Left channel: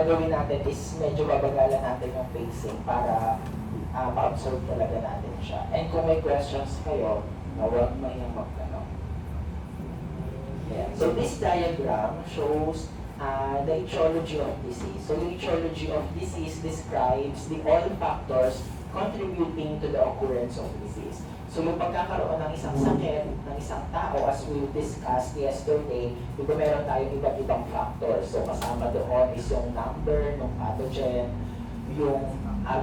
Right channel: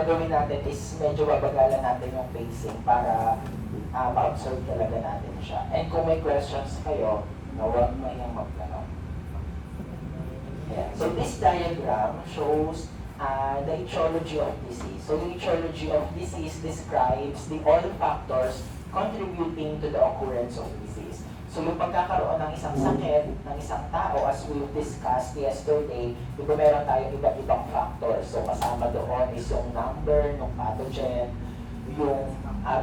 gagawin natin is medyo babagalan natin yung pacing para ma-observe talaga natin siya. And kung may questions kayo, huwag mayang magtanong. Yeah. So this diagram shows the etiology of disease. So the etiology of disease describes all factors contributing to the occurrence of disease. So yung pagkakaroon ng isang sakit ng isang tao, as we discussed yesterday, diba meron tayong iba't ibang factors. So kasama doon is yung number ng pathogen, yung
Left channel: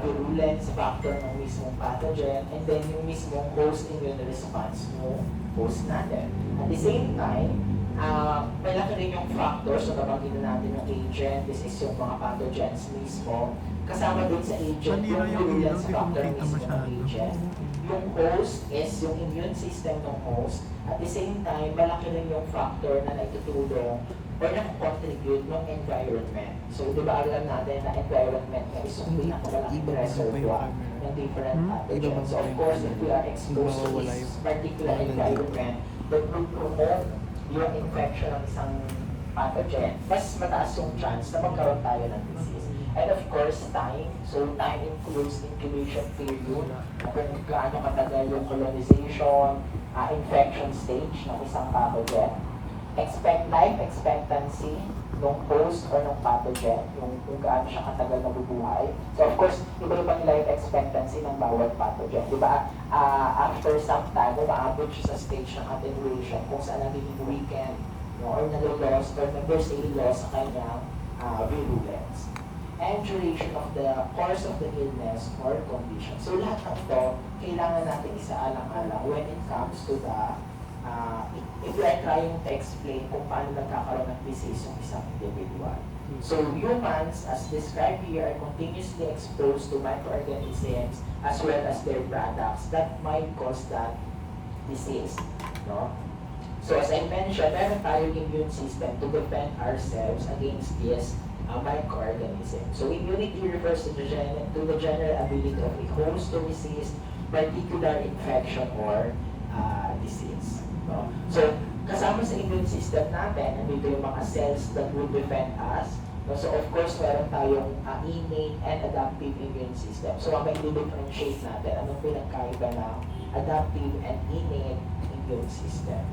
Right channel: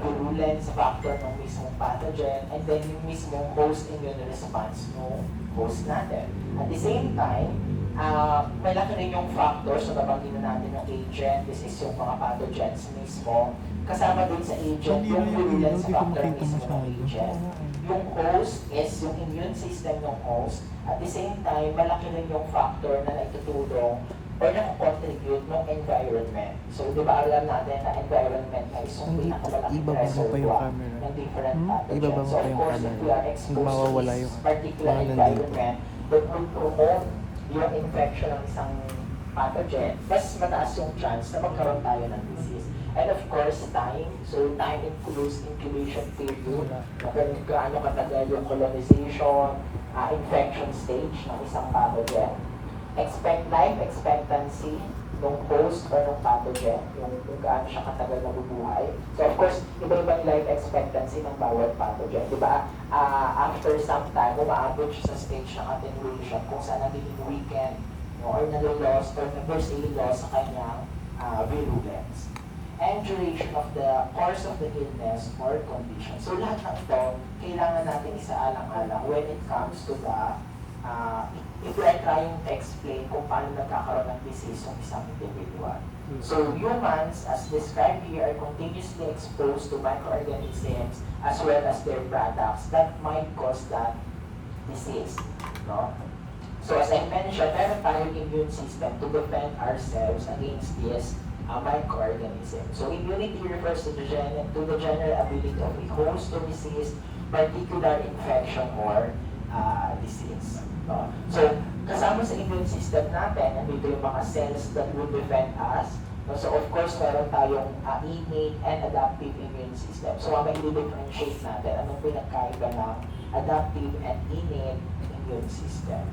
virulence factor ng mismong pathogen, and then yung mismong host immune response ng host natin. At the same time, malaki rin yung factors, so nabanggit na natin yung agent, this is yung mga pathogens mismo. Kasama din sa agent, yung virulence factor mismo ng agent. Yung host is yung immune system ng host. At the same time, malaki rin yung factor na naitutulong or na-contribute ng environment. So, di ba alam natin na environment na is yung pinakamalaking reservoir ng different pathogens. So, of course, if we are exposed to this particular environment, that will promote yung infection ng isang pathogen, mas mataas yung chance na magkaroon tayo ng disease. And of course, time. So, time includes incubation period, kung gaano katagal yung colonization, infection stage ng isang pathogen. Life expectancy ng host or ng pathogen, yung gaano siya katagal mabubuhay. So, of course, iba-ibang life expectancy ng bawat pathogen. Diba? After some time, umaabot siya sa stage ng attenuation kung saan nagiging weakened, or nag-loss or there's a loss sa kanyang virulence. And duration of the course of the illness or condition. So lahat ng ito, kailangan natin isaalang-alang when it comes to the, if we are trying to explain kung paano nagkakaroon ng disease yung isang individual. So humans, as described here, are continuously exposed to microorganisms as well as their products that might cause that disease. No? So as I mentioned, meron tayong immune system to defend ourselves against this microorganism. So immunity refers to the general ability of a host to resist particular infection or disease. No? So kasama sa immune system natin, nandito yung mga cells that will defend us. No? So of course, meron tayong innate and adaptive immune system. So mamaya i-differentiate natin anong pinagkaiba ng adaptive and innate immune system.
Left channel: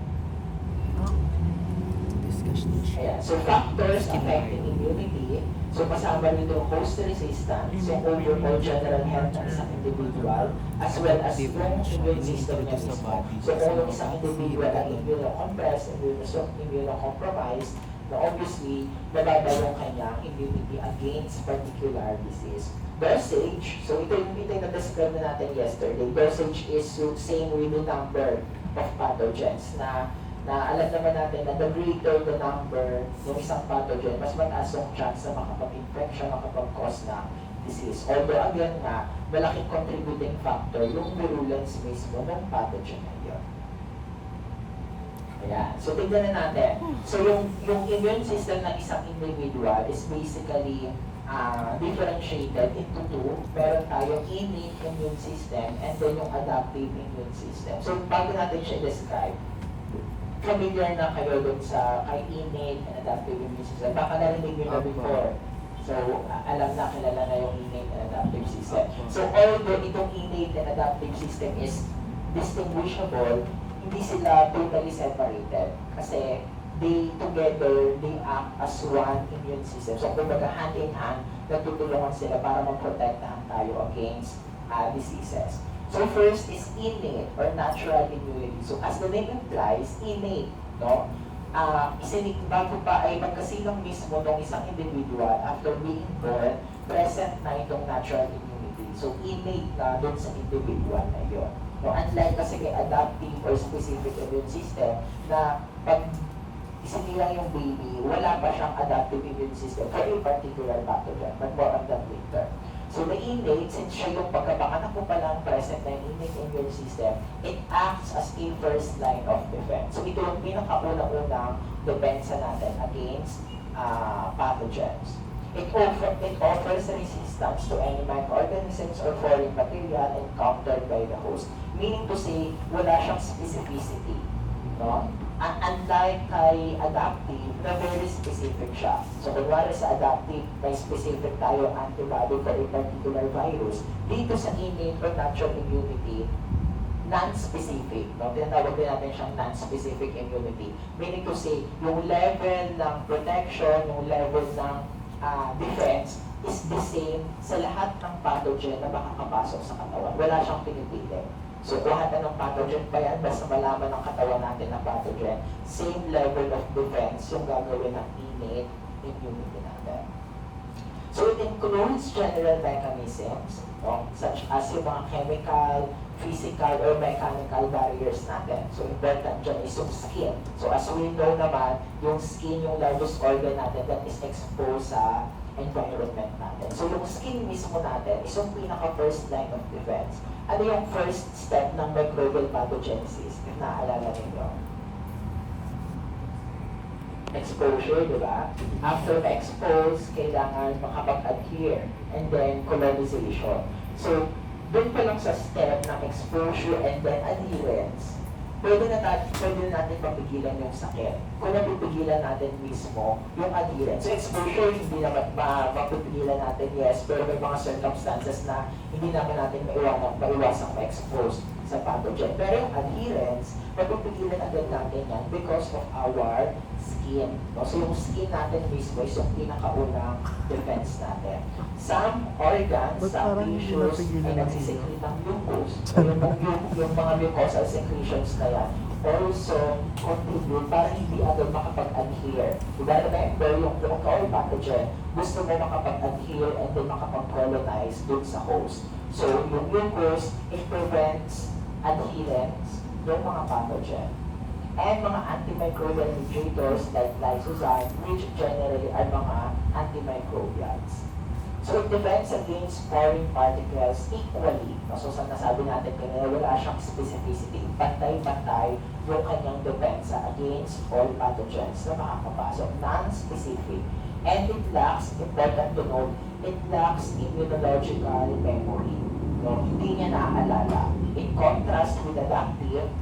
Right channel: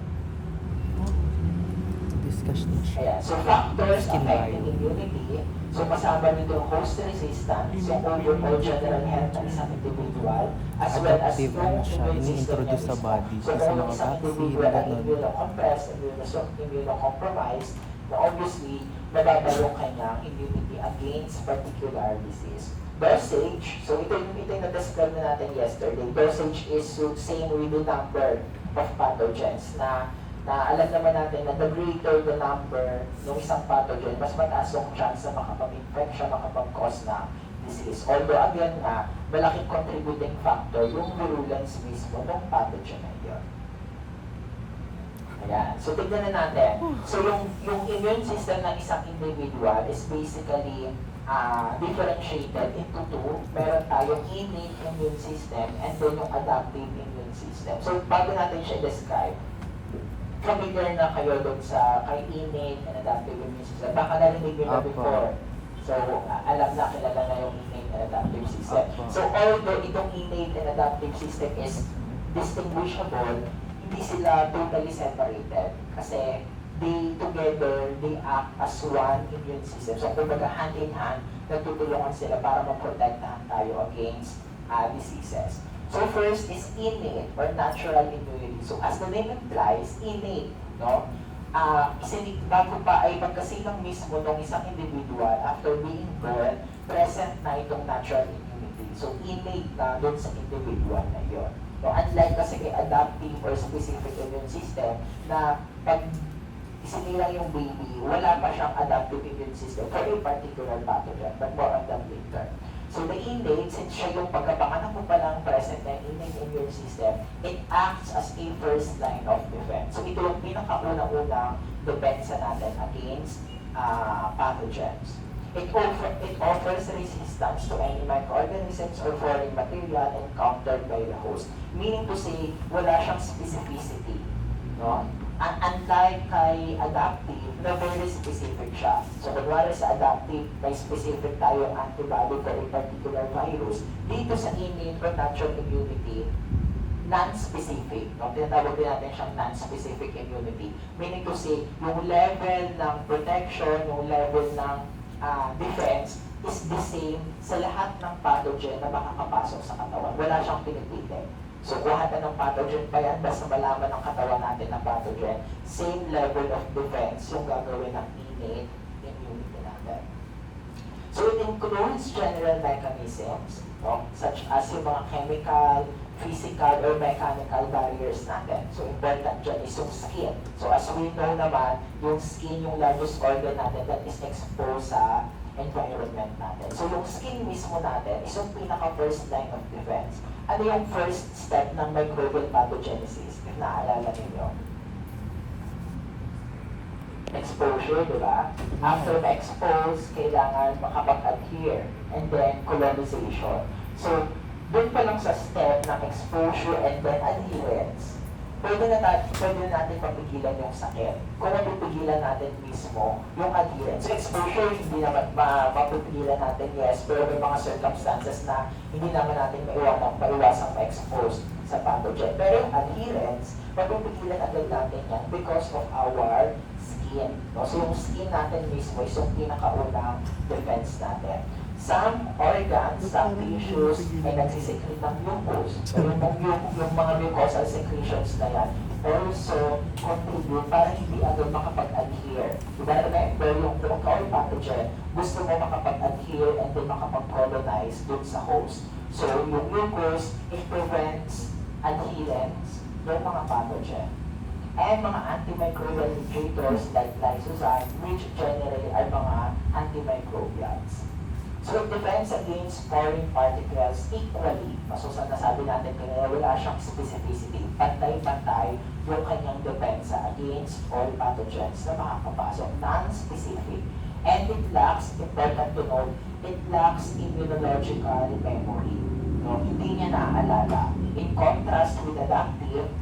Ayan. So factors affecting immunity, so kasama nito host resistance, so overall general health ng isang individual, as well as yung immune system niya mismo. So kung yung isang individual ay immunocompressed, immunocompromised, na obviously, mababa yung kanyang immunity against particular disease. Dosage, so ito yung na-describe na natin yesterday. Dosage is same with the number of pathogens na alam naman natin na the greater the number ng isang pathogen, mas mataas yung chance na makapag-infection, makapag-cause ng disease. Although again nga, malaking contributing factor yung virulence mismo ng pathogen na yun. Ayan. So tignan na natin. So yung immune system ng isang individual is basically differentiated into two. Meron tayong innate immune system and then yung adaptive immune system. So bago natin siya describe, familiar na kayo doon sa kay innate and adaptive immune system. Baka narinig nyo na before. So, alam na, kilala na yung innate and adaptive system. So, although itong innate and adaptive system is distinguishable, hindi sila totally separated. Kasi, they act as one immune system. So, kumbaga hand in hand, nagtutulungan sila para maprotektahan tayo against diseases. So first is innate or natural immunity. So as the name implies, innate, no? Bago pa ay magkasilang mismo ng isang individual after being born, present na itong natural immunity. So innate na doon sa individual na yun. No, unlike kasi kay adaptive or specific immune system na pag isinilang yung baby, wala pa siyang adaptive immune system for a particular pathogen, but more on that later. So the innate, since siya yung pagkapanganak mo pa lang present na innate immune system, it acts as a first line of defense. So ito yung pinakauna-unang depensa natin against pathogens. It offers resistance to any microorganisms or foreign material encountered by the host. Meaning to say, wala siyang specificity. No? Unlike kay adaptive, na very specific siya. So, kunwari sa adaptive, may specific tayong antibody for a particular virus. Dito sa innate or natural immunity, non-specific. No? Tinatawag din natin siyang non-specific immunity. Meaning to say, yung level ng protection, yung level ng defense is the same sa lahat ng pathogen na makakapasok sa katawan. Wala siyang pinipili. So, lahat na ng pathogen pa yan, basta malaman ng katawan natin na pathogen, same level of defense yung gagawin ng innate immunity natin. So, it includes general mechanisms, such as yung mga chemical, physical, or mechanical barriers natin. So, important dyan is yung skin. So, as we know naman, yung skin, yung largest organ natin that is exposed sa environment natin. So, yung skin mismo natin is yung pinaka-first line of defense. Ano yung first step ng microbial pathogenesis? If naaalala ninyo? Exposure, di ba? After ma-expose, kailangan makapag-adhere. And then, colonization. So, doon pa lang sa step ng exposure and then adherence, pwede na natin mapigilan yung sakit. Kung napipigilan natin mismo yung adherence. So exposure, hindi naman mapipigilan natin, yes, pero may mga circumstances na hindi naman natin maiwasang ma-expose sa pathogen. Pero yung adherence, mapipigilan agad natin yan because of our skin. No? So yung skin natin mismo is yung pinakaunang defense natin. Some organs, some tissues ay nagsisecrete ng mucus. So yung mga mucosal secretions na yan also contribute para hindi agad makapag-adhere. Diba, remember, yung local pathogen, gusto mo makapag-adhere and then makapag-colonize dun sa host. So yung mucus, it prevents adherence ng mga pathogen. And mga antimicrobial mediators like lysozyme, which generally are mga antimicrobials. So it defends against foreign particles equally. So sa nasabi natin kanina, wala siyang specificity. Pantay-pantay yung kanyang depensa against all pathogens na makakapasok. Non-specific. And it lacks, important to note, it lacks immunological memory. No? Hindi niya naaalala. In contrast with adaptive,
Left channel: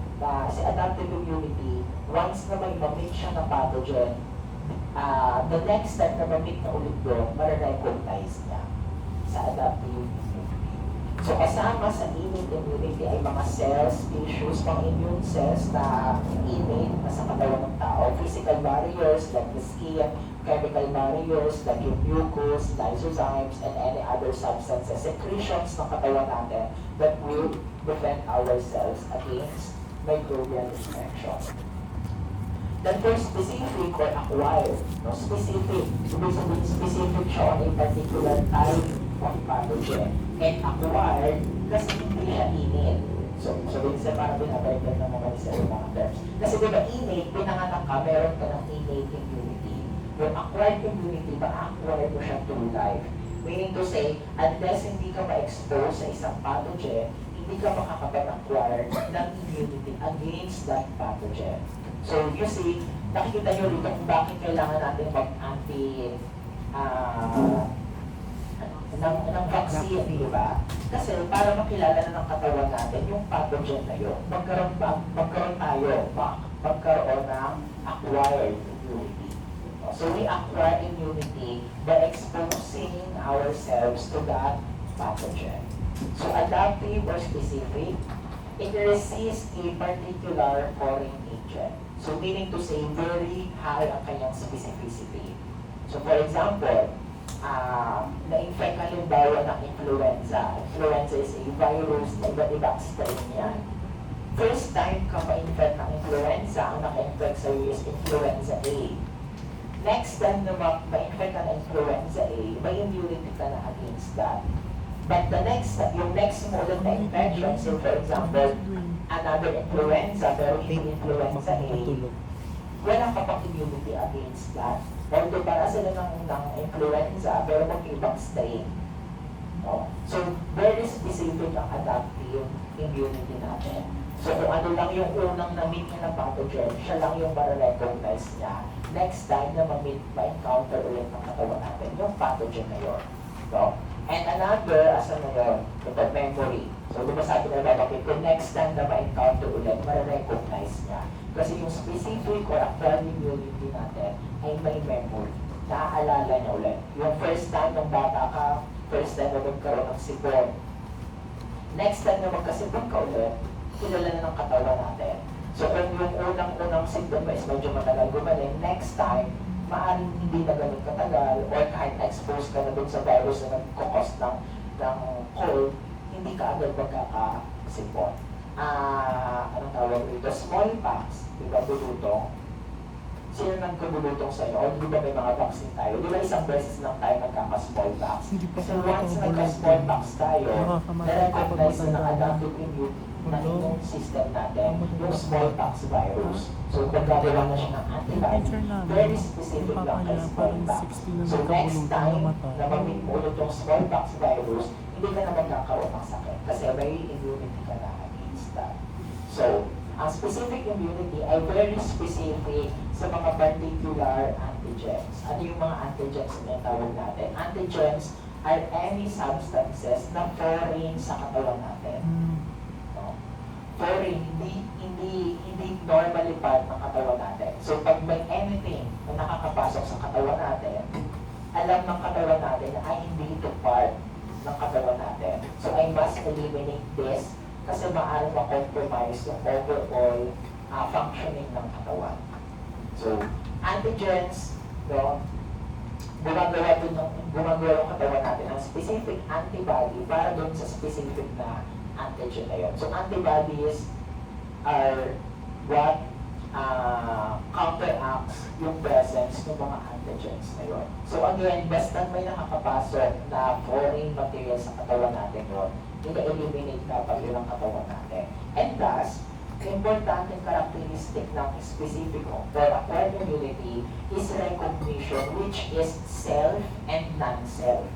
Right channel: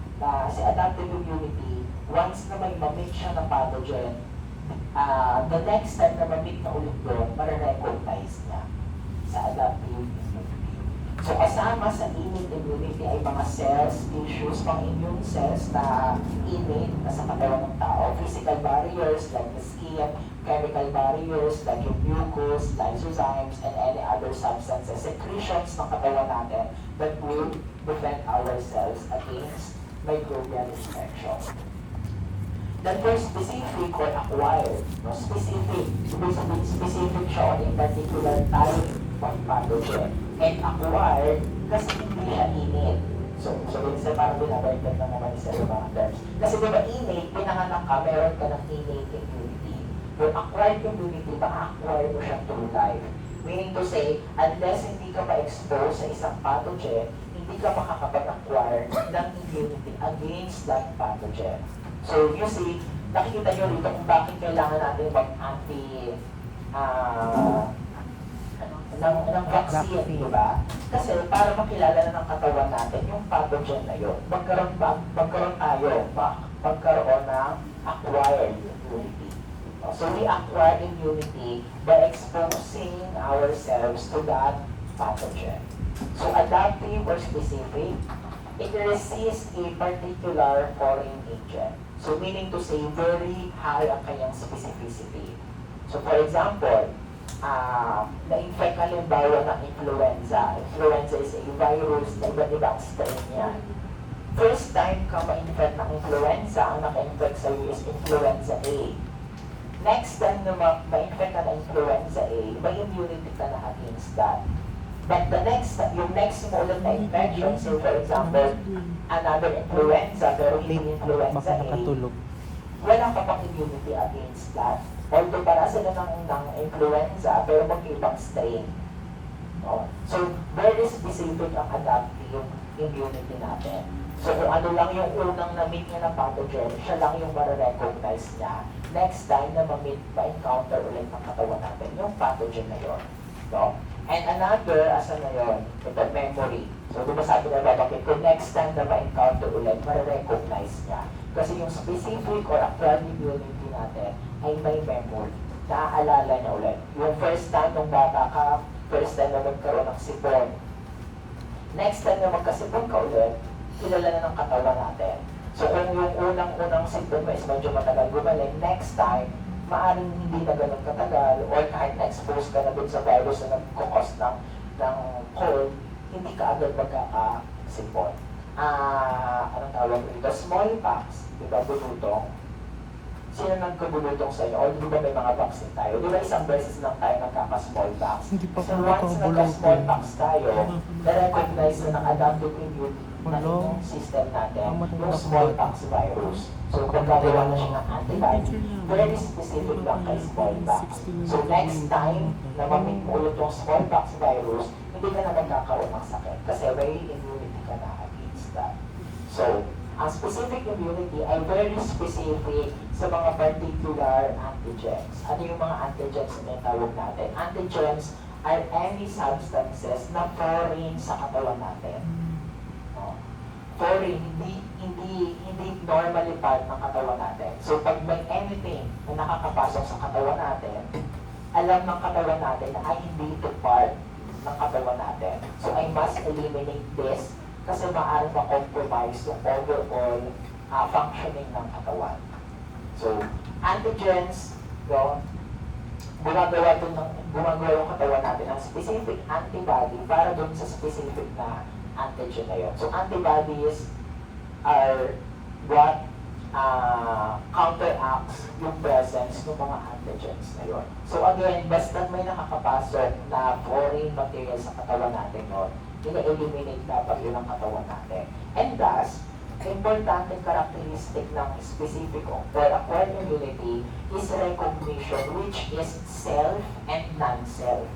si adaptive immunity, once na may ma-meet siya ng pathogen, the next step na ma-meet na ulit doon, ma-recognize niya sa adaptive immunity. So kasama sa innate immunity ay mga cells, tissues, mga immune cells na innate na sa katawan ng tao. Physical barriers like the skin, chemical barriers like yung mucus, lysozymes, and any other substances, secretions ng katawan natin that will defend ourselves against microbial infection. Then for specific or acquired, no? Specific siya on a particular type of pathogen. And acquired, kasi hindi siya innate. So minsan parang binabaliktad na naman sa mga terms. Kasi diba innate, pinanganak ka, meron ka ng innate immunity. Yung acquired immunity, ma-acquire mo siya through life. Meaning to say, unless hindi ka ma-expose sa isang pathogen, hindi ka makakapag-acquire ng immunity against that pathogen. So, you see, nakikita nyo rito kung bakit kailangan natin mag-anti ng vaccine, di ba? Kasi para makilala na ng katawan natin yung pathogen na yun, magkaroon ng acquired immunity. So, we acquire immunity by exposing ourselves to that pathogen. So, adaptive or specific, it resists a particular foreign agent. So meaning to say, very high ang kanyang specificity. So for example, na-infect halimbawa ng influenza. Influenza is a virus na iba't ibang strain yan. First time ka ma-infect ng influenza, ang naka-infect sa'yo is influenza A. Next time na ma-infect ka ng influenza A, may immunity ka na against that. But yung next mo ulit na infection, so for example, another influenza, pero hindi influenza A, wala ka pang immunity against that. Although para sila ng influenza, pero mag-ibang strain. No? So, very specific ang adaptive immunity natin. So, kung ano lang yung unang na-meet niya ng pathogen, siya lang yung mara-recognize niya. Next time na ma-encounter ulit ng katawan natin, yung pathogen na yun. No? And another, asan na yun? Ito, memory. So, di ba sabi na babakit, kung next time na ma-encounter ulit, mara-recognize niya. Kasi yung specific or acquired immunity natin ay may memory. Naaalala niya ulit. Yung first time nung bata ka, first time na magkaroon ng sipon. Next time na magkasipon ka ulit, kilala na ng katawan natin. So kung yung unang sipon mo is medyo matagal gumaling, next time, maaaring hindi na ganun katagal or kahit na-expose ka na dun sa virus na nagkakos ng cold, hindi ka agad magkakasipon. Anong tawag dito? Smallpox, di ba, bulutong? Sino nagkabulutong sa iyo? O di ba may mga vaccine tayo? Di ba isang beses lang tayo nagkaka-smallpox? So once nagka-smallpox tayo, na-recognize na ng adaptive immunity na immune system natin, yung smallpox virus. So pagkagawa na siya ng antibody, very specific lang kay smallpox. So next time na mamit mo ulit yung smallpox virus, hindi ka na magkakaroon ng sakit kasi may immunity ka na against that. So, ang specific immunity ay very specific sa mga particular antigens. Ano yung mga antigens na tawag natin? Antigens are any substances na foreign sa katawan natin. No? Foreign, hindi normally part ng katawan natin. So pag may anything na nakakapasok sa katawan natin, alam ng katawan natin na ay hindi ito part ng katawan natin. So I must eliminate this kasi maaaring ma-compromise yung overall functioning ng katawan. So, antigens, no, gumagawa yung katawan natin ang specific antibody para dun sa specific na antigen na yun. So, antibodies are what counteracts yung presence ng mga antigens na yun. So, again, basta may nakakapasok na foreign material sa katawan natin yun, ina-eliminate dapat yun ang katawan natin. And thus, importanteng characteristic ng specific or acquired immunity is recognition, which is self and non-self.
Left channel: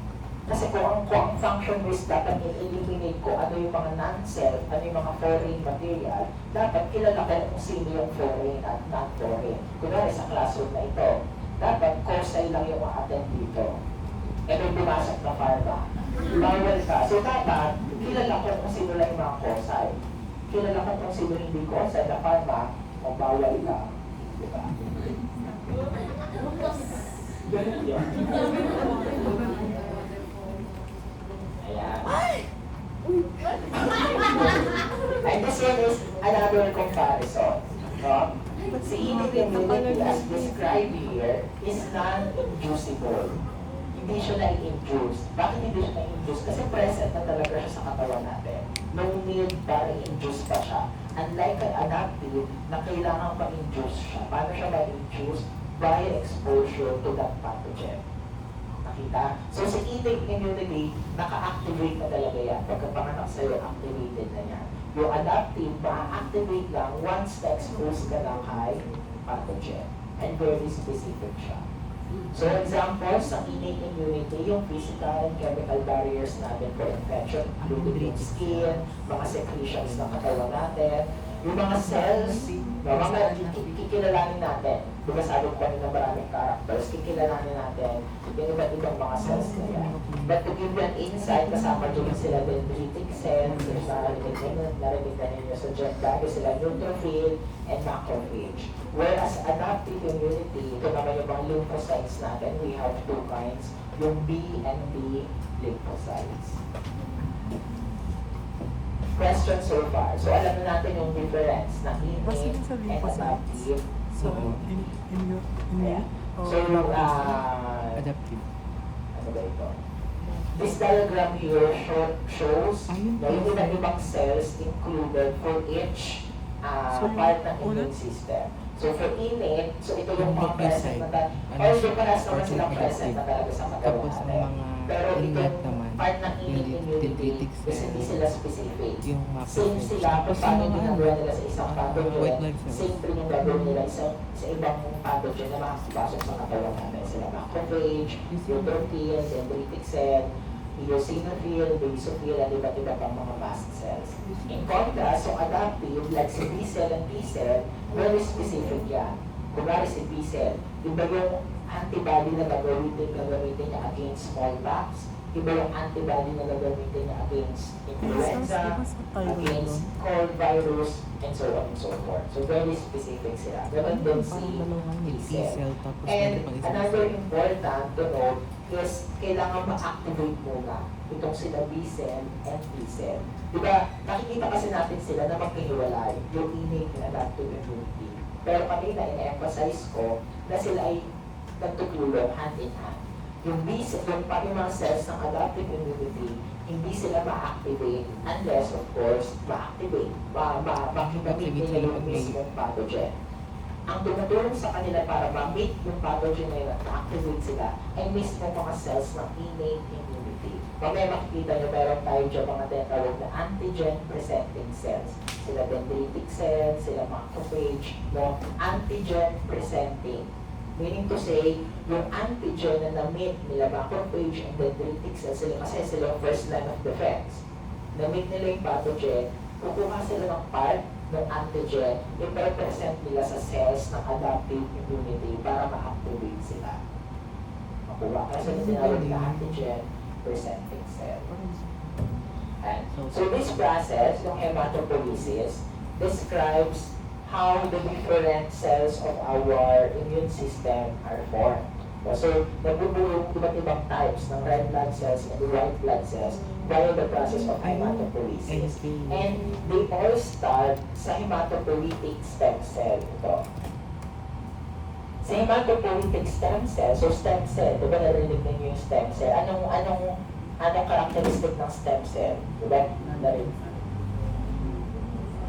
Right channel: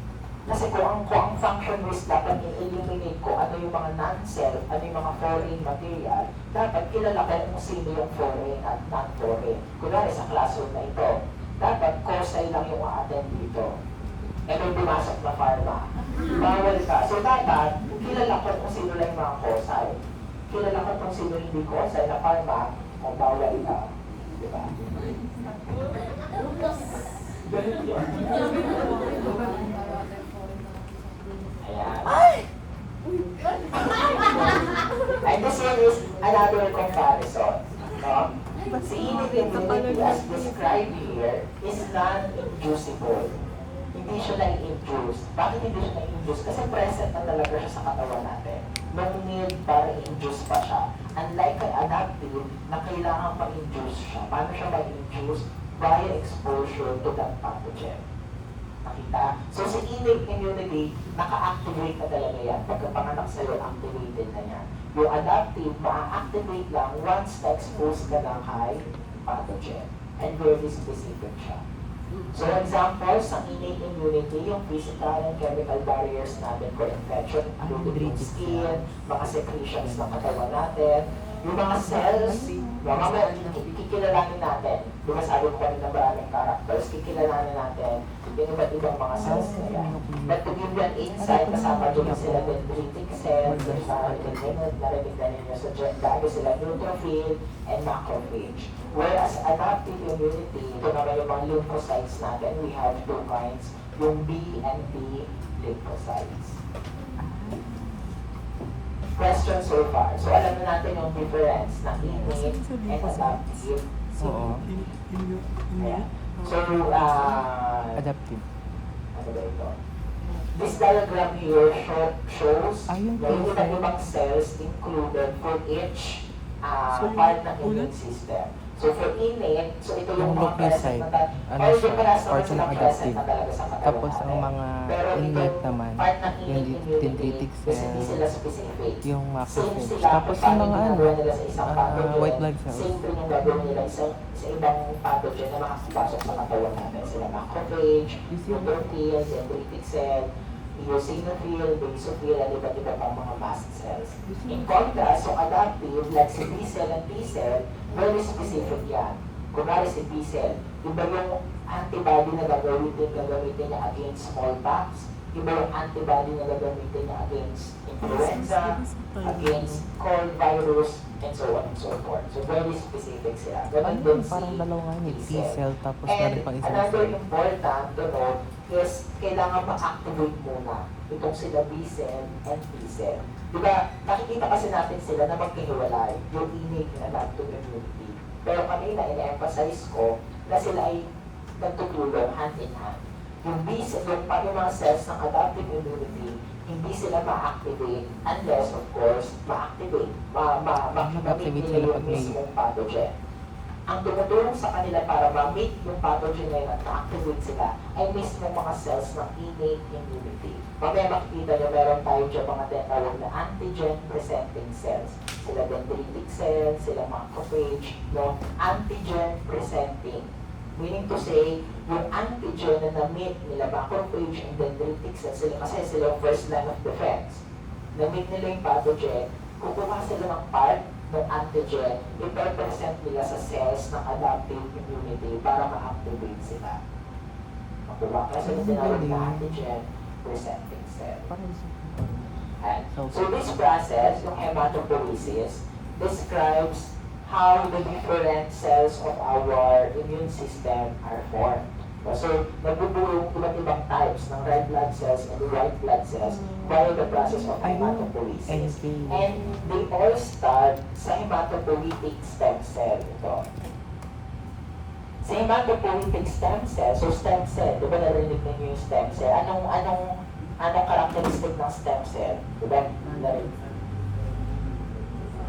Kasi kung ang function is dapat i-eliminate ko ano yung mga non-self, ano yung mga foreign material, dapat kilala ko kung sino yung foreign at non-foreign. Kunwari sa classroom na ito, dapat course lang yung a-attend dito. E may pumasok na pharma. Bawal ka. So dapat, kilala ko kung sino lang yung mga course. Kilala ko kung sino hindi course na pharma, kung bawal ka. Diba? Ganun yun. Ayan. And this one is another comparison. No? Si immunity as described here is non-inducible. Hindi siya na-induce. Bakit hindi siya na-induce? Kasi present na talaga siya sa katawan natin. No need para i-induce pa siya. Unlike kay adaptive, na kailangan ma-induce siya. Paano siya ma-induce? Via exposure to that pathogen. Nakita? So si innate immunity, naka-activate na talaga yan. Pagkapanganak sa'yo, activated na yan. Yung adaptive, ma-activate lang once na-expose ka ng high pathogen. And very specific siya. So example, sa innate immunity, yung physical and chemical barriers natin for infection, including yung skin, mga secretions ng katawan natin, yung mga cells, kikilalanin natin. Diba sabi ko kanina maraming characters, kikilalanin natin yung iba't ibang mga cells na yan. But to give you an insight, kasama doon sila dendritic cells, narinig na ninyo sa lagi sila neutrophil and macrophage. Whereas adaptive immunity, ito naman yung mga lymphocytes natin, we have two kinds, yung B and B lymphocytes. Question so far. So alam na natin yung difference ng innate and adaptive. So, Ayan. So, adaptive. ano ba ito? This diagram here shows na yung iba't ibang cells included for each part ng immune system. So for innate, so ito yung mga present na although parehas naman silang present na talaga sa katawan Tapos ang natin. mga Pero innate itong naman, part ng yung innate immunity dendritic is hindi cells, sila specific. yung Same macrophage. sila Tapos kung yung paano mga ginagawa nila sa isang pathogen. white blood cells. Same din yung gagawin nila sa ibang pathogen na makakapasok sa katawan natin. Sila macrophage, neutrophil, dendritic cell, eosinophil, basophil, at iba't iba pang mga mast cells. In contrast, so adaptive, like si B cell and T cell, very specific yan. Kunwari si B cell, iba yung antibody na gagamitin niya against smallpox, iba yung antibody na gagamitin niya against influenza, against cold virus, and so on and so forth. So very specific sila. Ganun din si Parang dalawa nga yun, T-cell. T-cell tapos And meron pang isang another cell. important to know is kailangan ma-activate muna itong sila B-cell and T-cell. Diba, nakikita kasi natin sila na magkahiwalay, yung innate and adaptive immunity. Pero kanina, ina-emphasize ko na sila ay nagtutulong hand in hand. Yung B-cell, yung mga cells ng adaptive immunity, hindi sila ma-activate unless, of course, ma-activate, makikita nila yung mismong pathogen. Ang tumutulong sa kanila para ma-meet yung pathogen na yun at ma-activate sila ay mismo mga cells ng innate immunity. Mamaya makikita nyo meron tayo dyan mga tinatawag na antigen-presenting cells. Sila dendritic cells, sila macrophage, no? Antigen-presenting. Meaning to say, yung antigen na na-meet nila macrophage and dendritic cells, sila kasi sila yung first line of defense. Na-meet nila yung pathogen, kukuha sila ng part ng antigen, i-present nila sa cells ng adaptive immunity para ma-activate sila. Makuha kasi sila tinawag na antigen presenting cell. And so this process, yung hematopoiesis, describes how the different cells of our immune system are formed. So, nagbubuo yung iba't ibang types ng red blood cells and white blood cells via the process of hematopoiesis. And they all start sa hematopoietic stem cell. Ito. Sa hematopoietic stem cell, so stem cell, di ba narinig ninyo yung stem cell? Anong characteristic ng stem cell? Di ba?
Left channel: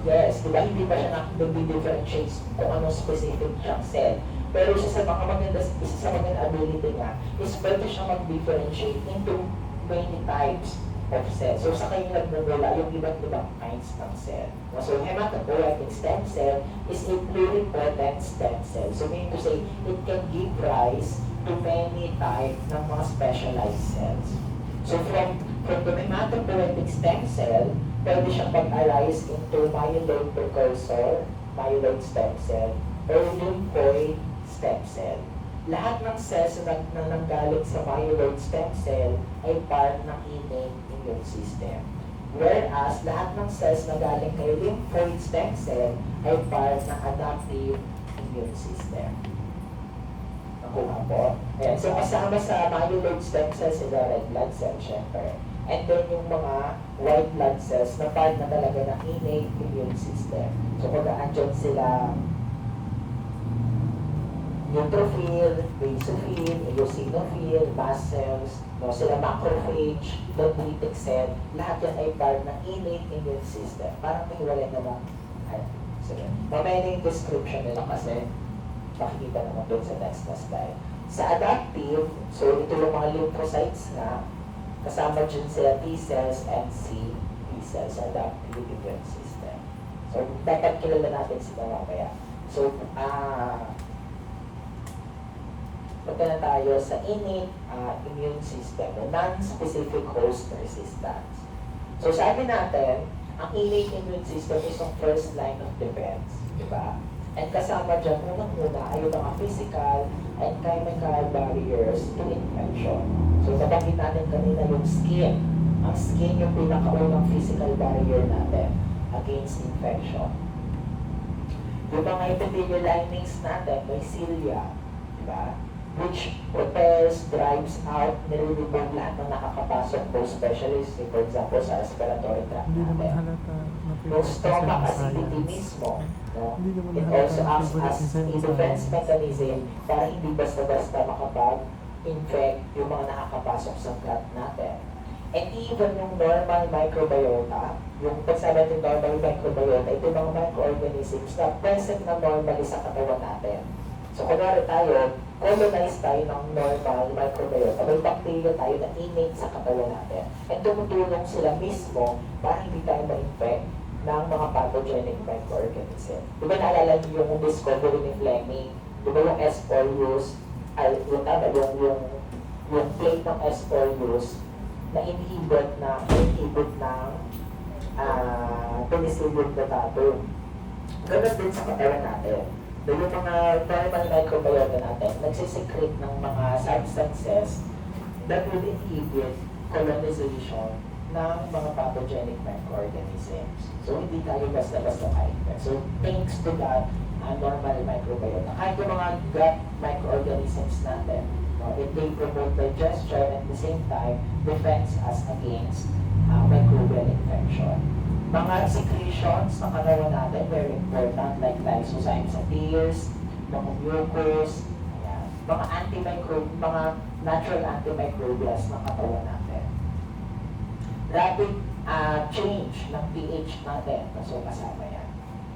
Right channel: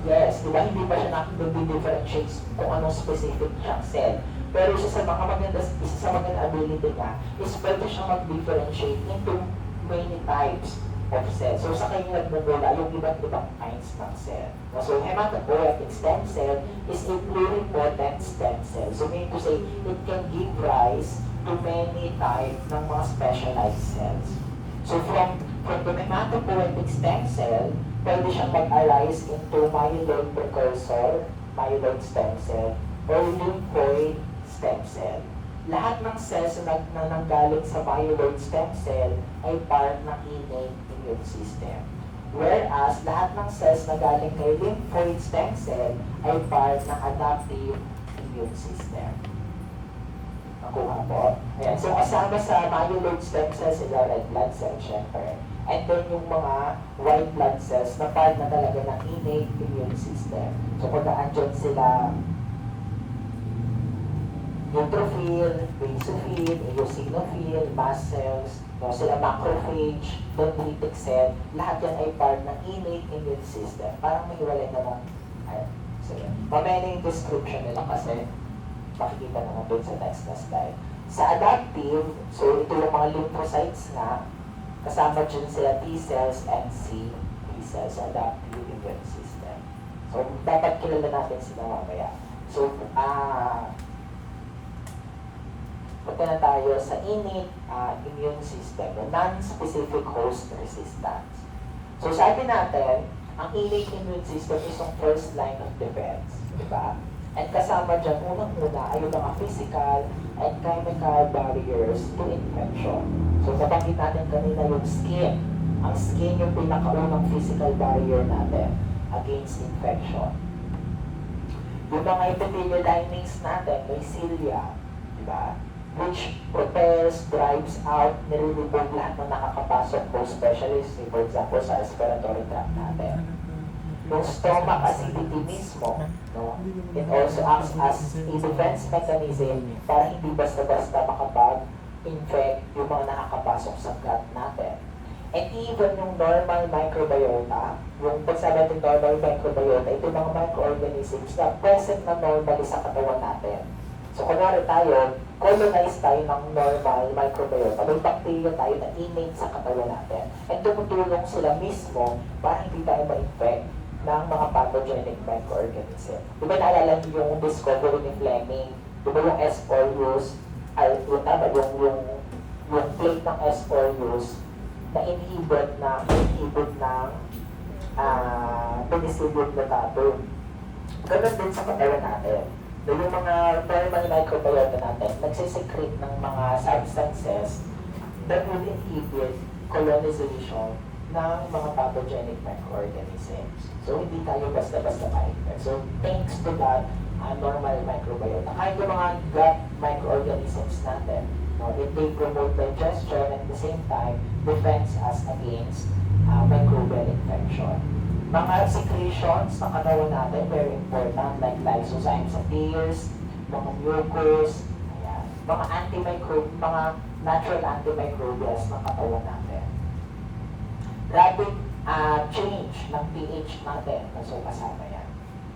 Yes, di ba hindi pa siya nag-differentiate kung anong specific siyang cell. Pero isa sa magandang ability niya is pwede siyang mag-differentiate into many types of cells. So sa kanya nagmumula yung iba't ibang kinds ng cell. So hematopoietic stem cell is a pluripotent stem cell. So meaning to say, it can give rise to many types ng mga specialized cells. So from the hematopoietic stem cell, pwede siyang mag-arise into myeloid precursor, myeloid stem cell, or lymphoid stem cell. Lahat ng cells na nanggaling sa myeloid stem cell ay part ng innate immune system. Whereas, lahat ng cells na galing kay lymphoid stem cell ay part ng adaptive immune system. Nakuha po? Ayan. So, kasama sa myeloid stem cell sila red blood cell, syempre. And then yung mga white blood cells na part na talaga ng innate immune system. So, kung naandyan sila neutrophil, basophil, eosinophil, mast cells, no, sila macrophage, dendritic cell, lahat yan ay part ng innate immune system. Parang may hiwalay namang, sige. Mamaya na yung description nila kasi makikita naman doon sa next na slide. Sa adaptive, so ito yung mga lymphocytes na, kasama dyan sila T cells and C cells, adaptive immune system. So, dapat kilala natin sila mamaya. So, punta na tayo sa innate immune system, the non-specific host resistance. So, sabi natin, ang innate immune system is yung first line of defense, di ba? And kasama dyan, unang-una ay yung mga physical and chemical barriers to infection. So, nabanggit natin kanina yung skin. Ang skin yung pinakaunang physical barrier natin against infection. Yung mga epithelial linings natin, may cilia, di ba? Which propels, drives out, nire-remove lahat ng nakakapasok po, especially, for example, sa respiratory tract natin. Yung stomach acidity mismo, no? It also acts as a defense mechanism para hindi basta-basta makapag-infect yung mga nakakapasok sa gut natin. And even yung normal microbiota, yung pagsabi natin normal microbiota, ito yung mga microorganisms na present na normally sa katawan natin. So, kunwari tayo, colonize tayo ng normal microbiota. May bacteria tayo na innate sa katawan natin. At tumutulong sila mismo para hindi tayo ma-infect ng mga pathogenic microorganism. Di ba naalala niyo yung discovery ni Fleming? Di ba yung S. aureus, yung plate ng S. aureus na inhibit ng Penicillium notatum. Ganun din sa katawan natin. yung mga normal microbiota natin, nagsisecrete ng mga substances that would inhibit colonization ng mga pathogenic microorganisms. So, hindi tayo basta-basta ma-infect. So, thanks to that, normal microbiota. Kahit yung mga gut microorganisms natin, no, if they promote digestion at the same time, defends us against microbial infection. Mga secretions ng katawan natin, very important, like lysozymes sa tears, mga mucus, ayan, mga mga natural antimicrobials ng katawan natin. Rapid change ng pH natin, so kasama yan.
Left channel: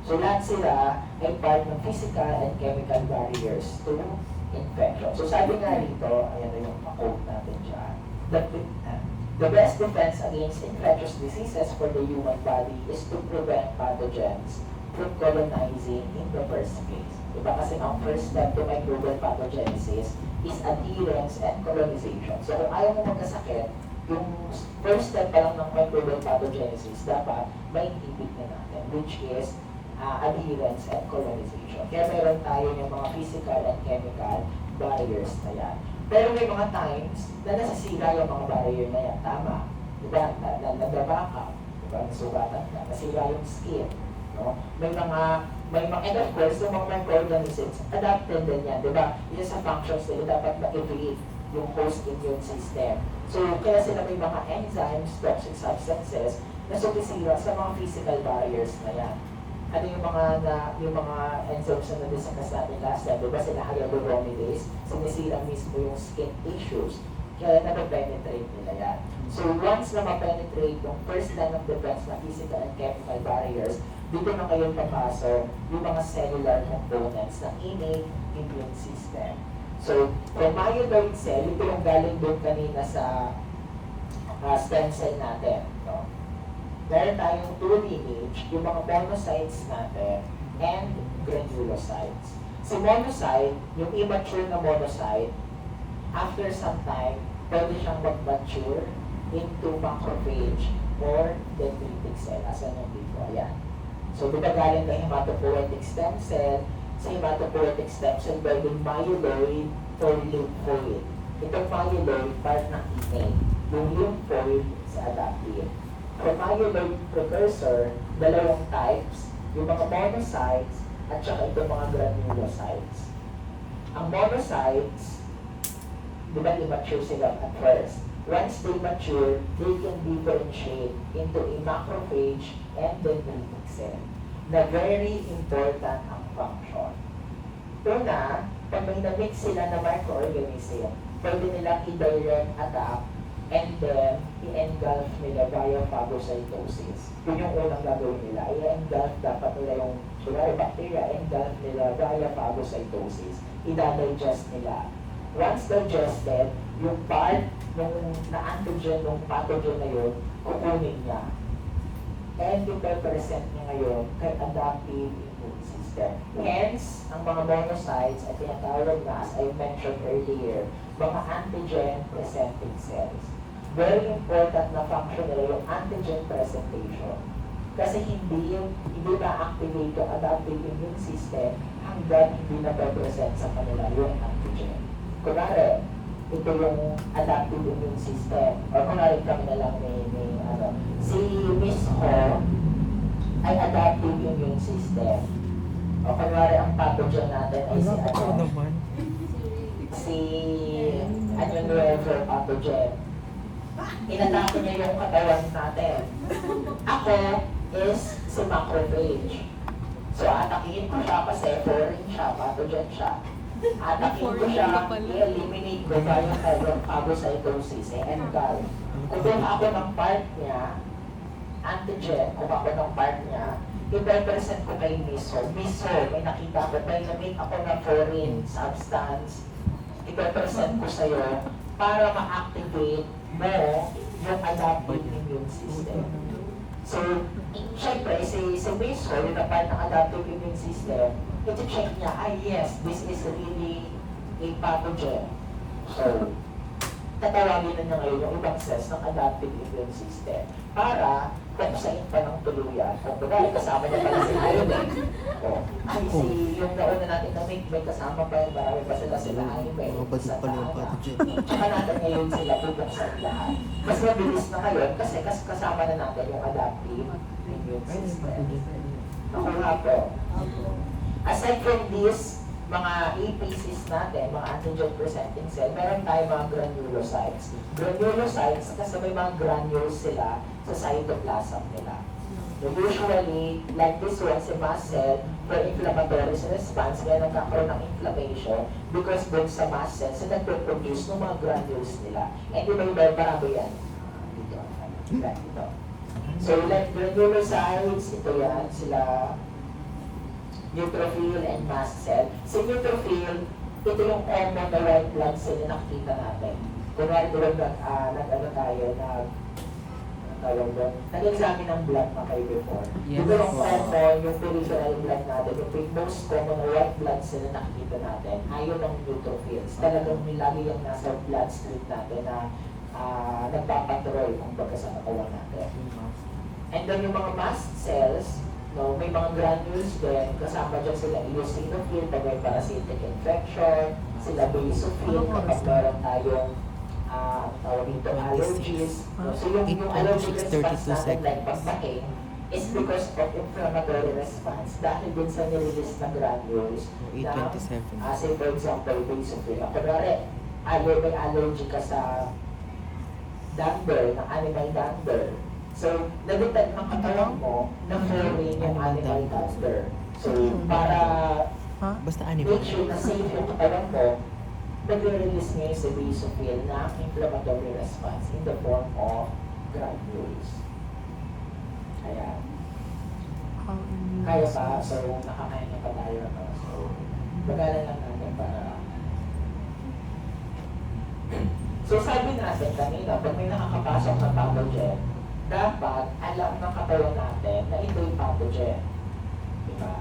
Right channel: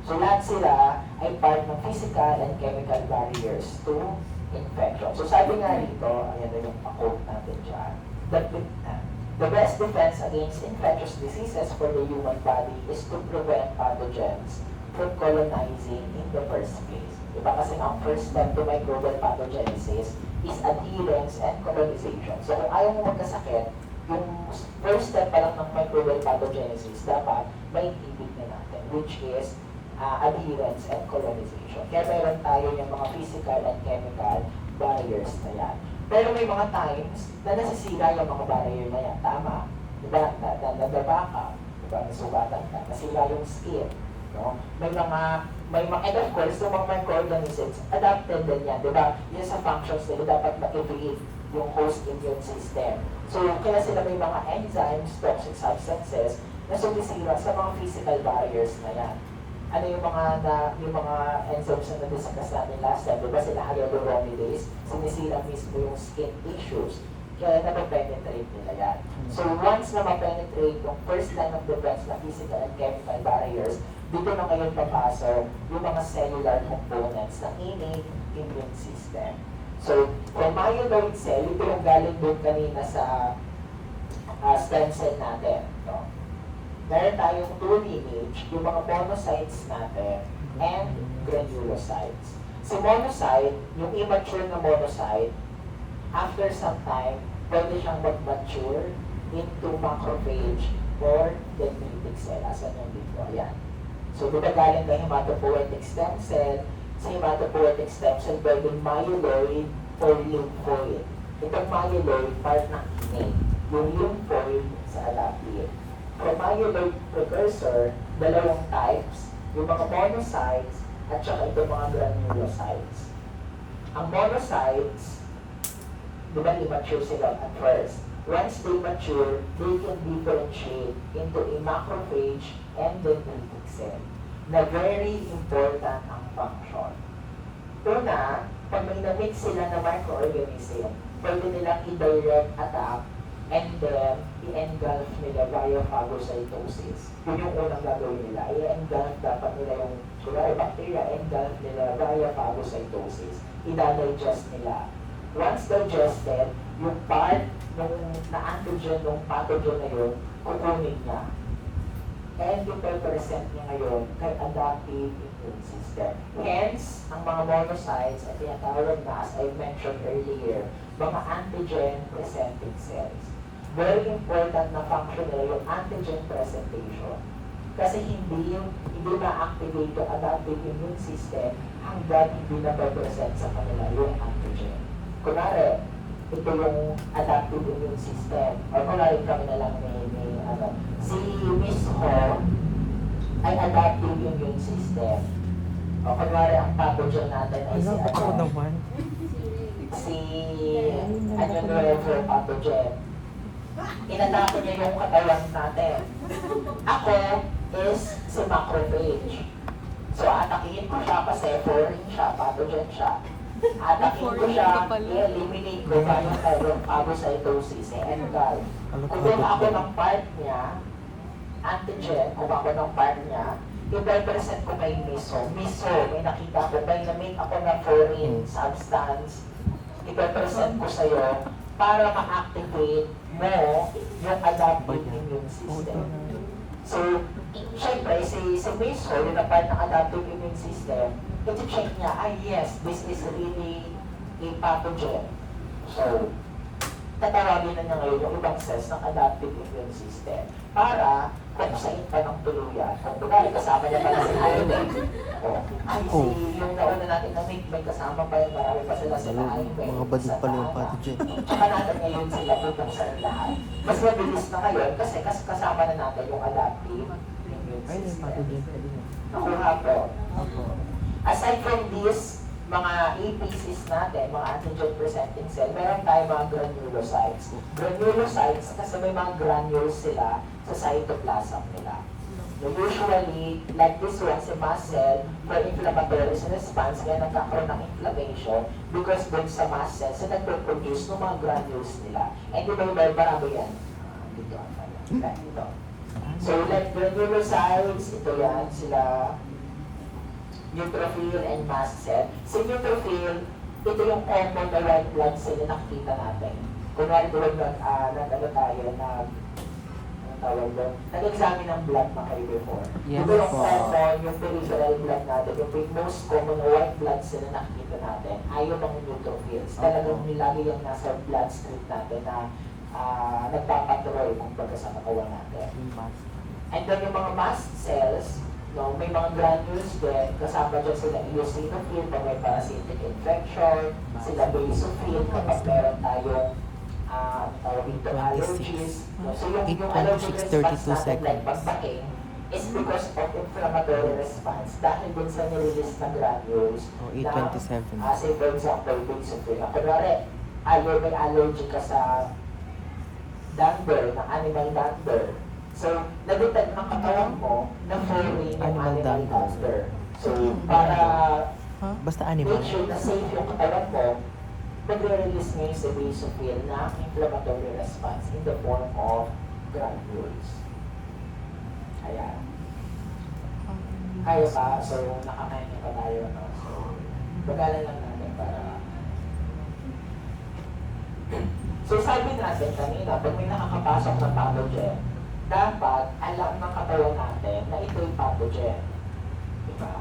So lahat sila ay part ng physical and chemical barriers to infection. So sabi nga rito, ayan na yung quote natin dyan, that the best defense against infectious diseases for the human body is to prevent pathogens from colonizing in the first place. Diba kasi ang first step to microbial pathogenesis is adherence and colonization. So kung ayaw mo magkasakit, yung first step pa lang ng microbial pathogenesis, dapat may inhibit na natin, which is adherence and colonization. Kaya mayroon tayo yung mga physical and chemical barriers na yan. Pero may mga times na nasisira yung mga barrier na yan. Tama. Diba? Nagdaba ka. Diba? Nasugatan ka. Nasira yung skin. No? And of course, yung mga microorganisms, adapted din yan. Diba? Yun sa functions nila, dapat ma-evade yung host immune system. So, kaya sila may mga enzymes, toxic substances, na sumisira sa mga physical barriers na yan. Ano yung mga enzymes na na-discuss natin last time, diba sila hyaluronidase, sinisira mismo yung skin tissues, kaya napapenetrate nila yan. So once na mapenetrate yung first line of defense na physical and chemical barriers, dito na ngayon papasok yung mga cellular components ng immune system. So, from myeloid cell, ito yung galing doon kanina sa stem cell natin. No? Meron tayong two lineage, yung mga monocytes natin and granulocytes. Si monocyte, yung immature na monocyte, after some time, pwede siyang mag-mature into macrophage or dendritic cell. Asan yung dito? Ayan. So, diba galing na hematopoietic stem cell, sa hematopoietic stem cell, pwedeng myeloid or lymphoid. Itong myeloid, part ng innate. Yung lymphoid sa adaptive. From myeloid precursor, dalawang types, yung mga monocytes at saka itong mga granulocytes. Ang monocytes, di ba immature sila at first? Once they mature, they can differentiate into a macrophage and dendritic cell na very important ang function. Una, pag may na-mix sila na microorganism, pwede nilang i-direct attack and then i-engulf nila via phagocytosis. Yun yung unang gagawin nila. I-engulf dapat nila yung bacteria, engulf nila via phagocytosis. I-digest nila. Once digested, yung part ng na-antigen, ng pathogen na yun, kukunin niya. And i-present niya ngayon kay adaptive immune system. Hence, ang mga monocytes ay tinatawag na, as I mentioned earlier, mga antigen-presenting cells. Very important na function nila yung antigen presentation. Kasi hindi ma-activate yung adaptive immune system hanggang hindi na-present sa kanila yung antigen. Kunwari, ito yung adaptive immune system. O kunwari kami na lang si Miss Ho ay adaptive immune system. O kunwari ang pathogen natin ay si Nuevo pathogen. Inatake niya yung katawan natin. Ako is si macrophage. So, atakihin ko siya kasi foreign siya, pathogen siya. Atakihin ko siya, i-eliminate ko yung phagocytosis, engulf. Kung ako ng part niya, antigen, kung ako ng part niya, i-represent ko kay Miso. Miso, may nakita ko, may na-make ako na foreign substance, i-represent ko sa'yo para ma-activate mo yung adaptive immune system. So, syempre, si Miso, yung na part ng adaptive immune system, iti-check niya, yes, this is really a pathogen. So, tatawagin na niya ngayon yung ibang cells ng adaptive immune system para buksain pa ng tuluyan. At bagay, kasama niya pala si Iron. Ay, yung nauna natin na may kasama pa yung marami pa sila Iron. Mga badit pala yung pathogen. Tsaka natin ngayon sila bubuksan lahat. Mas mabilis na ngayon kasi kasama na natin yung adaptive immune Ay, system. pathogen. Nakuha po. Ako. Aside from this, mga APCs natin, mga antigen presenting cell, meron tayo mga granulocytes. Granulocytes kasi may mga granules sila sa cytoplasm nila. Usually, like this one, si mast cell, for inflammatory response, kaya nagkakaroon ng inflammation because dun sa mast cell, sa nagpo-produce ng mga granules nila. And di ba yung marami yan? Dito ang tayo. Dito. So, like granulocytes, ito yan, sila neutrophil and mast cell. Si neutrophil, ito yung common na white blood cell na nakikita natin. Kunwari doon nag-ano tayo, nag-examine ng blood na kayo before. Yes, Ito yung po. common, yung peripheral blood natin, yung most common na white blood cell na nakikita natin, ayaw ng neutrophils. Talagang nilagay yung nasa bloodstream natin na nagpapatrol kung baga sa katawan natin. And then yung mga mast cells, no, may mga granules din, kasama dyan sila eosinophil pag may parasitic infection, sila basophil kapag meron tayong tawag dito allergies. No? So yung allergic response natin like pagbaking is because of inflammatory response dahil din sa nirelease na granules na, 827. say for example, basophil. Kunwari, may allergy ka sa dander, na animal dander. So, nagutag ng katawan mo na foreign yung animal dander. So, para Basta animal. make sure na safe yung katawan mo, nagre-release ngayon sa basophil na inflammatory response in the form of granules. Ayan. Kaya ba? So, nakakain na pa tayo. No? So, bagalan lang natin para... So, sabi natin kanina, pag may nakakapasok na pathogen, dapat alam ng katawan natin na ito yung pathogen. Diba?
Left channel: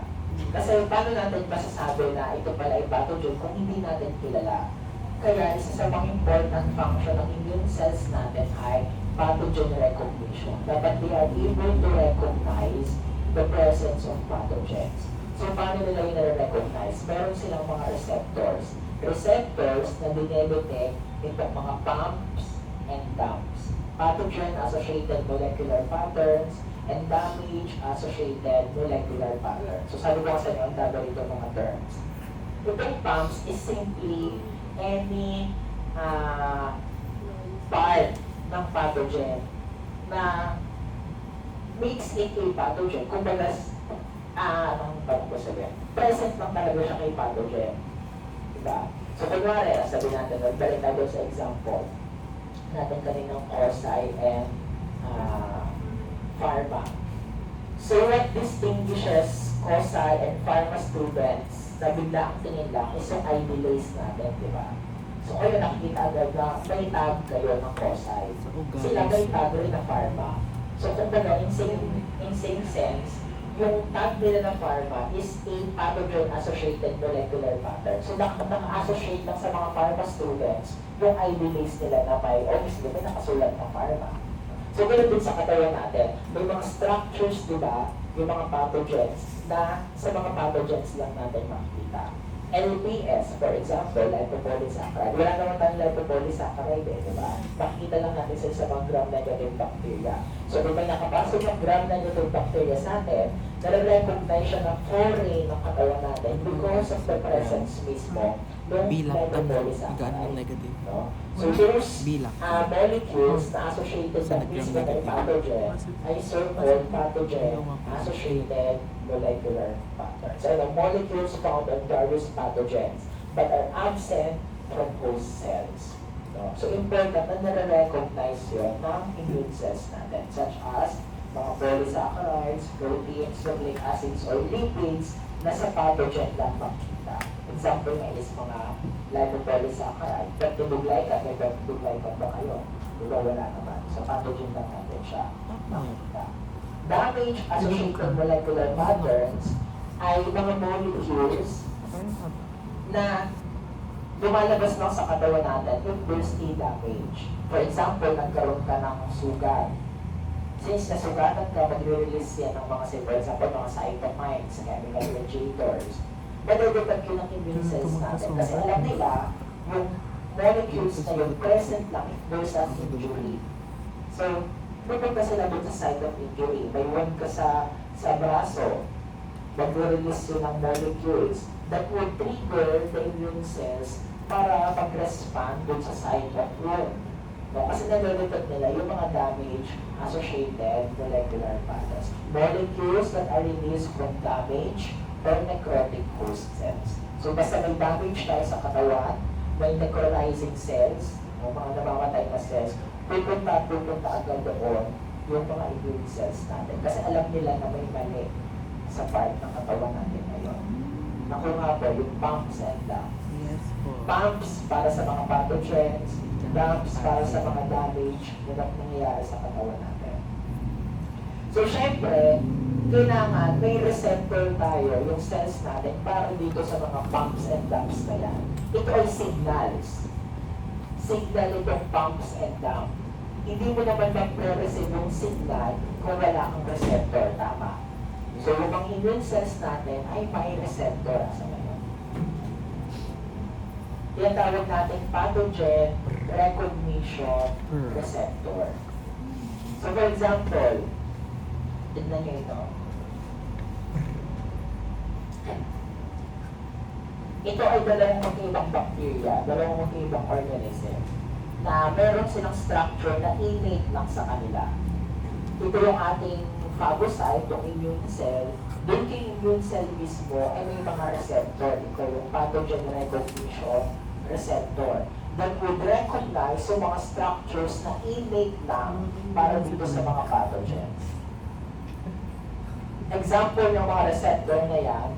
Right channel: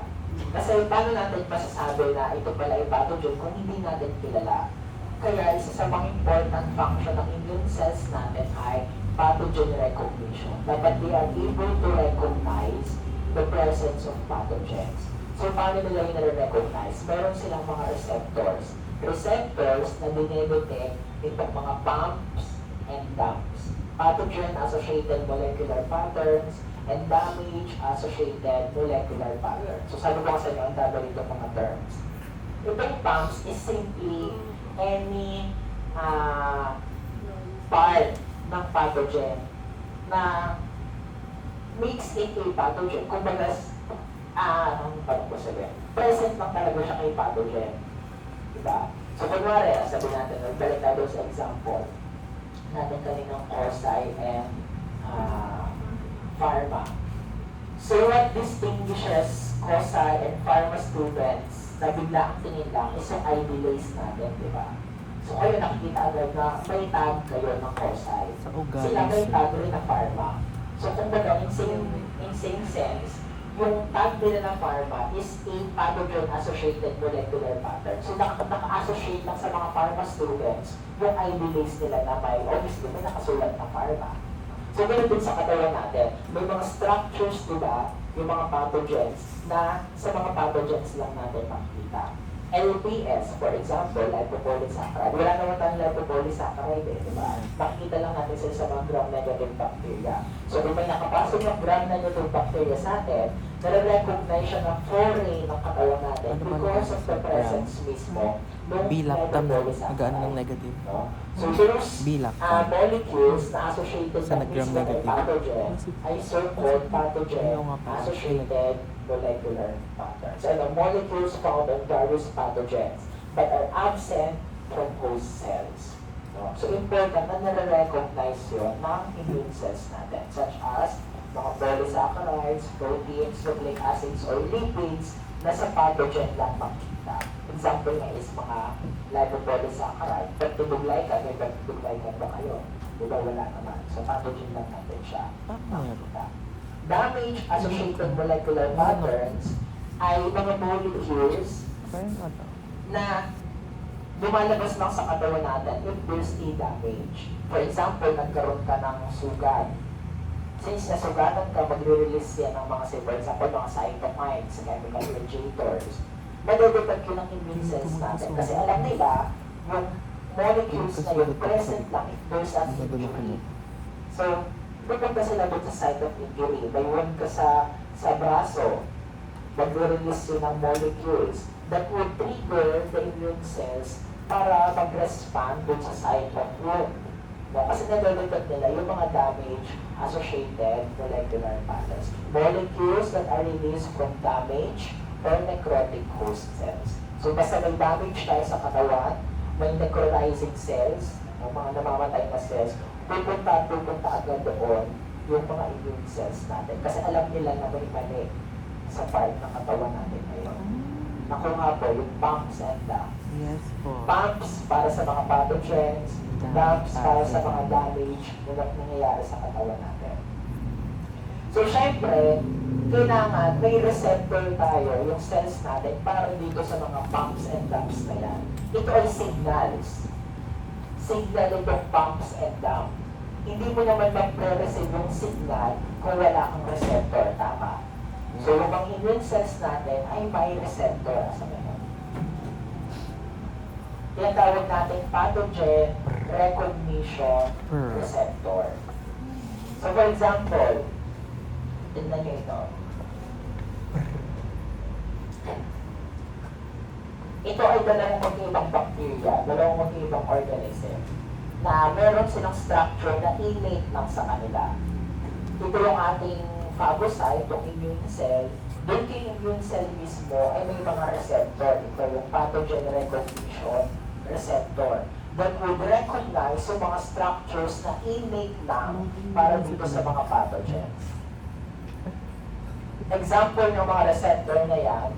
Kasi paano natin masasabi na ito pala yung pathogen kung hindi natin kilala? Kaya isa sa mga important function ng immune cells natin ay pathogen recognition. Dapat they are able to recognize the presence of pathogens. So paano nila yung nare-recognize? Meron silang mga receptors. Receptors na dinedetect itong mga pumps and dumps. Pathogen-associated molecular patterns and damage-associated molecular patterns. So sabi ko kasi ang tawag dito mga terms. Itong pumps is simply any part ng pathogen na makes it a pathogen. Kung bagas, anong ko sabihin? Present lang talaga siya kay pathogen. Diba? So kunwari, sabi natin, balik tayo sa example natin kaninang Corsi and Pharma. So what distinguishes Corsi and Pharma students na bigla ang tingin lang is yung ID lace natin, di ba? So kayo nakikita agad na may tag kayo ng Corsi. Sila may tag rin ng Pharma. So kung baga, in same sense, yung tag nila ng Pharma is a pathogen-associated molecular pattern. So naka-associate lang sa mga Pharma students yung ID base nila na may, obviously, may nakasulat ng Pharma. So ganoon din sa katawan natin, may mga structures, di ba, yung mga pathogens na sa mga pathogens lang natin makikita. LPS, for example, lipopolysaccharide. Wala naman tayong lipopolysaccharide, di ba? Makikita lang natin sila sa mga gram-negative bacteria. So, kung may nakapasok ng gram-negative bacteria sa atin, nare-recognize siya na foreign ng katawan natin because of the presence mismo ng lipopolysaccharide. negative. No? So, those Bilak. molecules na associated Sa sa mismo ng gram-negative. pathogen ay so-called pathogen-associated molecular patterns. So, the molecules found on various pathogens but are absent from host cells. No? So, important na nare-recognize yun ng immune cells natin, such as mga polysaccharides, proteins, nucleic acids, or lipids na sa pathogen lang makita. Example nga is mga lipopolysaccharide. Peptidoglycan, may peptidoglycan ba kayo? Diba wala naman. Sa pathogen lang natin siya makita. Damage-associated molecular patterns ay mga molecules na lumalabas lang sa katawan natin if there's a damage. For example, nagkaroon ka ng sugat. Since nasugatan ka, magre-release yan ng mga, say, for example, mga cytokines, chemical mediators. Madedetect yun ng immune cells natin. Kasi alam nila, yung molecules na yun present lang if there's an injury. So, pupunta sila doon sa site of injury. May wound ka sa braso, magre-release yun ng molecules that will trigger the immune cells para mag-respond doon sa site of wound. No, kasi nalulutod nila yung mga damage associated molecular patterns. Molecules that are released from damage or necrotic host cells. So basta may damage tayo sa katawan, may necrotizing cells, o mga namamatay na cells, pupunta agad doon yung mga immune cells natin. Kasi alam nila na may mali sa part ng katawan natin ngayon. Naku nga po, yung pumps and dumps. Yes po. Pumps para sa mga pathogens, dumps para sa mga damage na nangyayari sa katawan natin. So, syempre, kailangan may receptor tayo, yung cells natin, para dito sa mga pumps and dumps na yan. Ito ay signals. Signal itong pumps and dumps. Hindi mo naman mag-receive yung signal kung wala kang receptor, tama? So, yung mga immune cells natin ay may receptor asa ngayon. Yan tawag natin pathogen recognition receptor. So, for example, tignan nyo ito. Ito ay dalawang magkaibang bacteria, dalawang magkaibang organism na meron silang structure na innate lang sa kanila. Ito yung ating phagocyte, yung immune cell. Doon kay immune cell mismo ay may mga receptor. Ito yung pathogen recognition receptor that would recognize yung mga structures na innate lang para dito sa mga pathogens. Example ng mga receptor na yan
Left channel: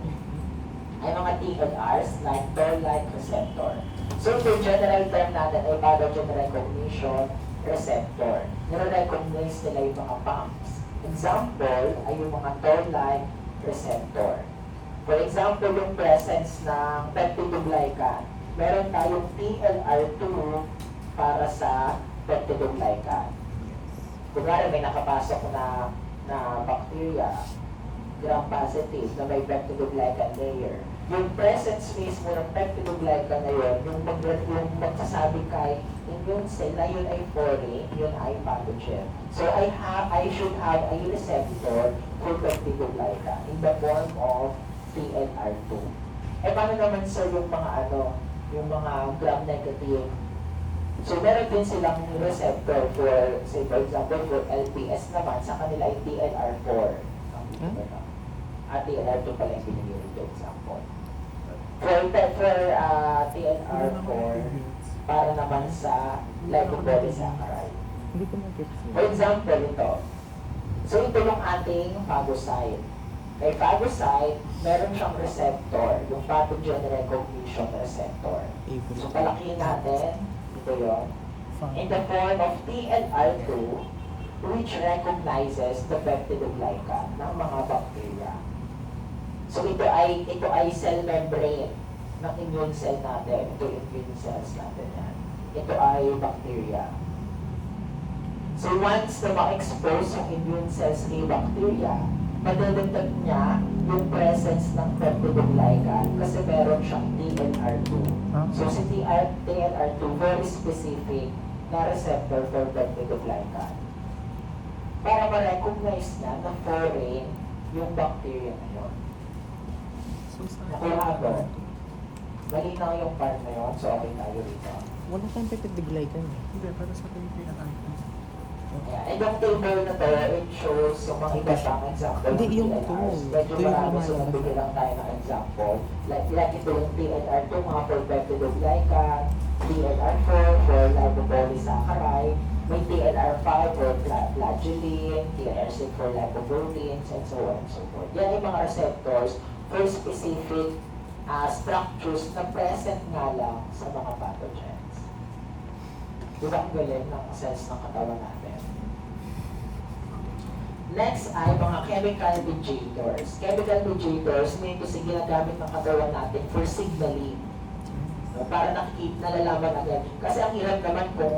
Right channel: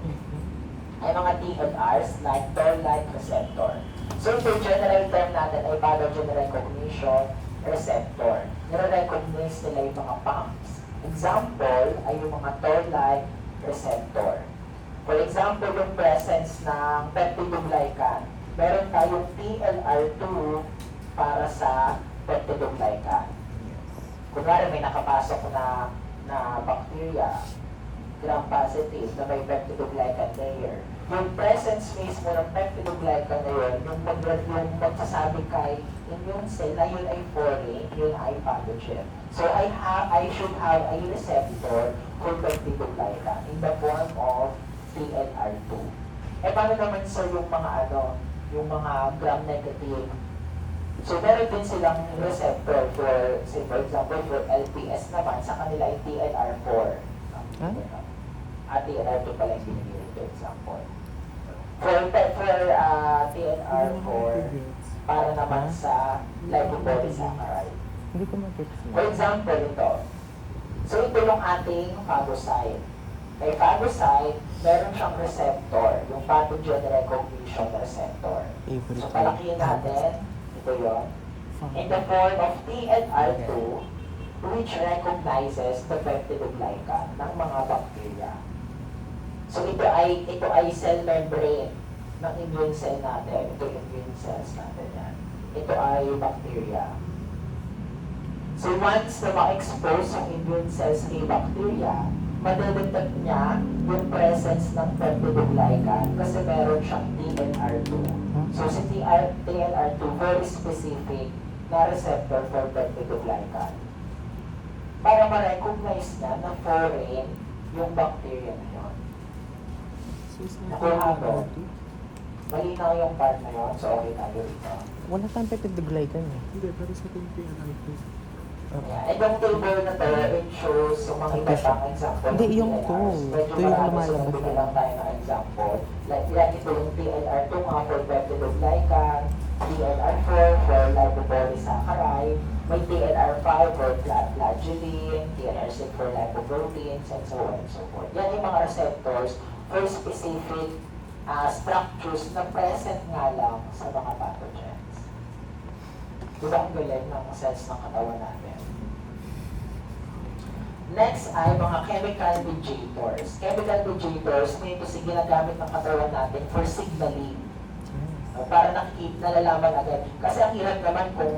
ay mga TLRs like toll-like receptor. So, yung general term natin ay pathogen recognition receptor. Nire-recognize nila yung mga pumps. Example ay yung mga toll-like receptor. For example, yung presence ng peptidoglycan. Meron tayong TLR2 para sa peptidoglycan. Kunwari may nakapasok na bacteria, gram-positive na may peptidoglycan layer. Yung presence mismo ng peptidoglycan na yun, yung magsasabi kay immune cell na yun ay foreign, yun ay pathogen. So I should have a receptor for peptidoglycan in the form of TLR2. Eh paano naman sir yung mga yung mga gram-negative? So meron din silang receptor for, say for example, for LPS naman, sa kanila ay TLR4. At TLR2 pala yung binigay ito example. For TLR4, para naman sa lipopolysaccharide. Hindi ko mag-gets. For example, ito. So ito yung ating phagocyte. Kay phagocyte, meron siyang receptor, yung pathogen recognition receptor. So palakihin natin, ito yun, in the form of TLR2, which recognizes the peptidoglycan ng mga bacteria. So ito ay cell membrane ng immune cell natin. Ito yung immune cells natin yan. Ito ay bacteria. So once na ma-expose yung immune cells ni bacteria, madedetect niya yung presence ng peptidoglycan kasi meron siyang TLR2. So si TLR2, very specific na receptor for peptidoglycan. Para ma-recognize niya na foreign yung bacteria na yun. Nakuha ko. Malinaw yung part na yun, so okay tayo dito. Wala tayong peptidoglycan. Hindi, para sa ating PNR2. Yeah. And yung table na to, it shows yung mga iba pang example Hindi, ng yung TLRs. to. Medyo Ito yung marami, so lumalabas. nagbigay lang tayo ng example. Like ito yung TLR2 nga for peptidoglycan, TLR4 for lipopolysaccharide, may TLR5 for flagellin, TLR6 for lipoproteins, and so on and so forth. Yan yung mga receptors for specific structures na present nga lang sa mga pathogens. Diba ang galing ng cells ng katawan natin? Next ay mga chemical mediators. Chemical mediators, ito si ginagamit ng katawan natin for signaling. No? Para nalalaman agad. Kasi ang hirap naman kung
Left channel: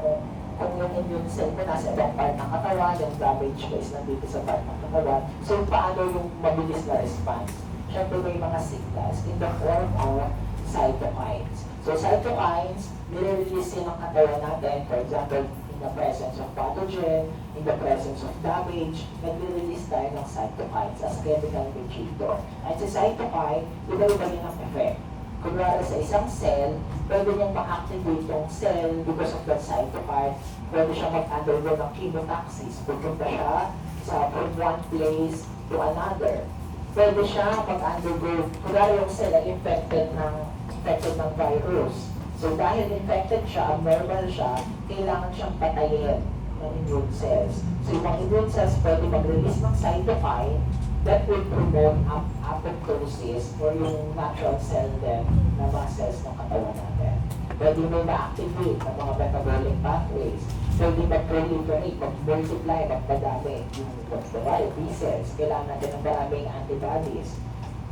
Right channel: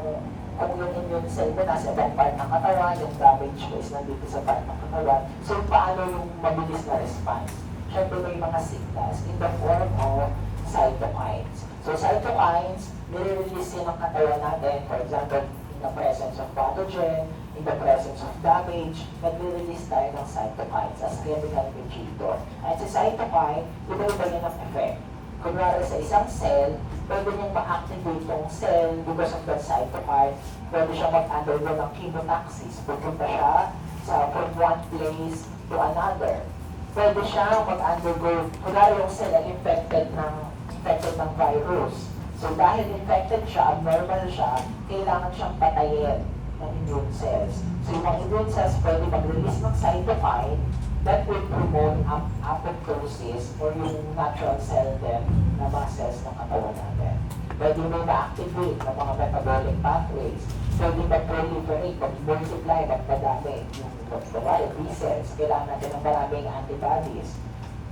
yung immune cell mo nasa ibang part ng katawan, yung damage mo is nandito sa part ng katawan. So, paano yung mabilis na response? Siyempre may mga signals in the form of cytokines. So, cytokines, nire-release yun ng katawan natin. For example, in the presence of pathogen, in the presence of damage, nagre-release tayo ng cytokines as chemical mediator. At sa cytokine, iba-iba yun ang effect. Kunwari sa isang cell, pwede niyang ma-activate yung cell because of that cytokine. Pwede siya mag-undergo ng chemotaxis. Pupunta siya from one place to another. Pwede siya mag-undergo, kunwari yung cell ay infected ng virus. So dahil infected siya, abnormal siya, kailangan siyang patayin ng immune cells. So yung mga immune cells pwede mag-release ng cytokine that will promote apoptosis or yung natural cell death ng mga cells ng katawan natin. Pwede may ma-activate ng mga metabolic pathways. Pwede mag-proliferate, mag-multiply, magpadami. Yung B cells, kailangan natin ng maraming antibodies.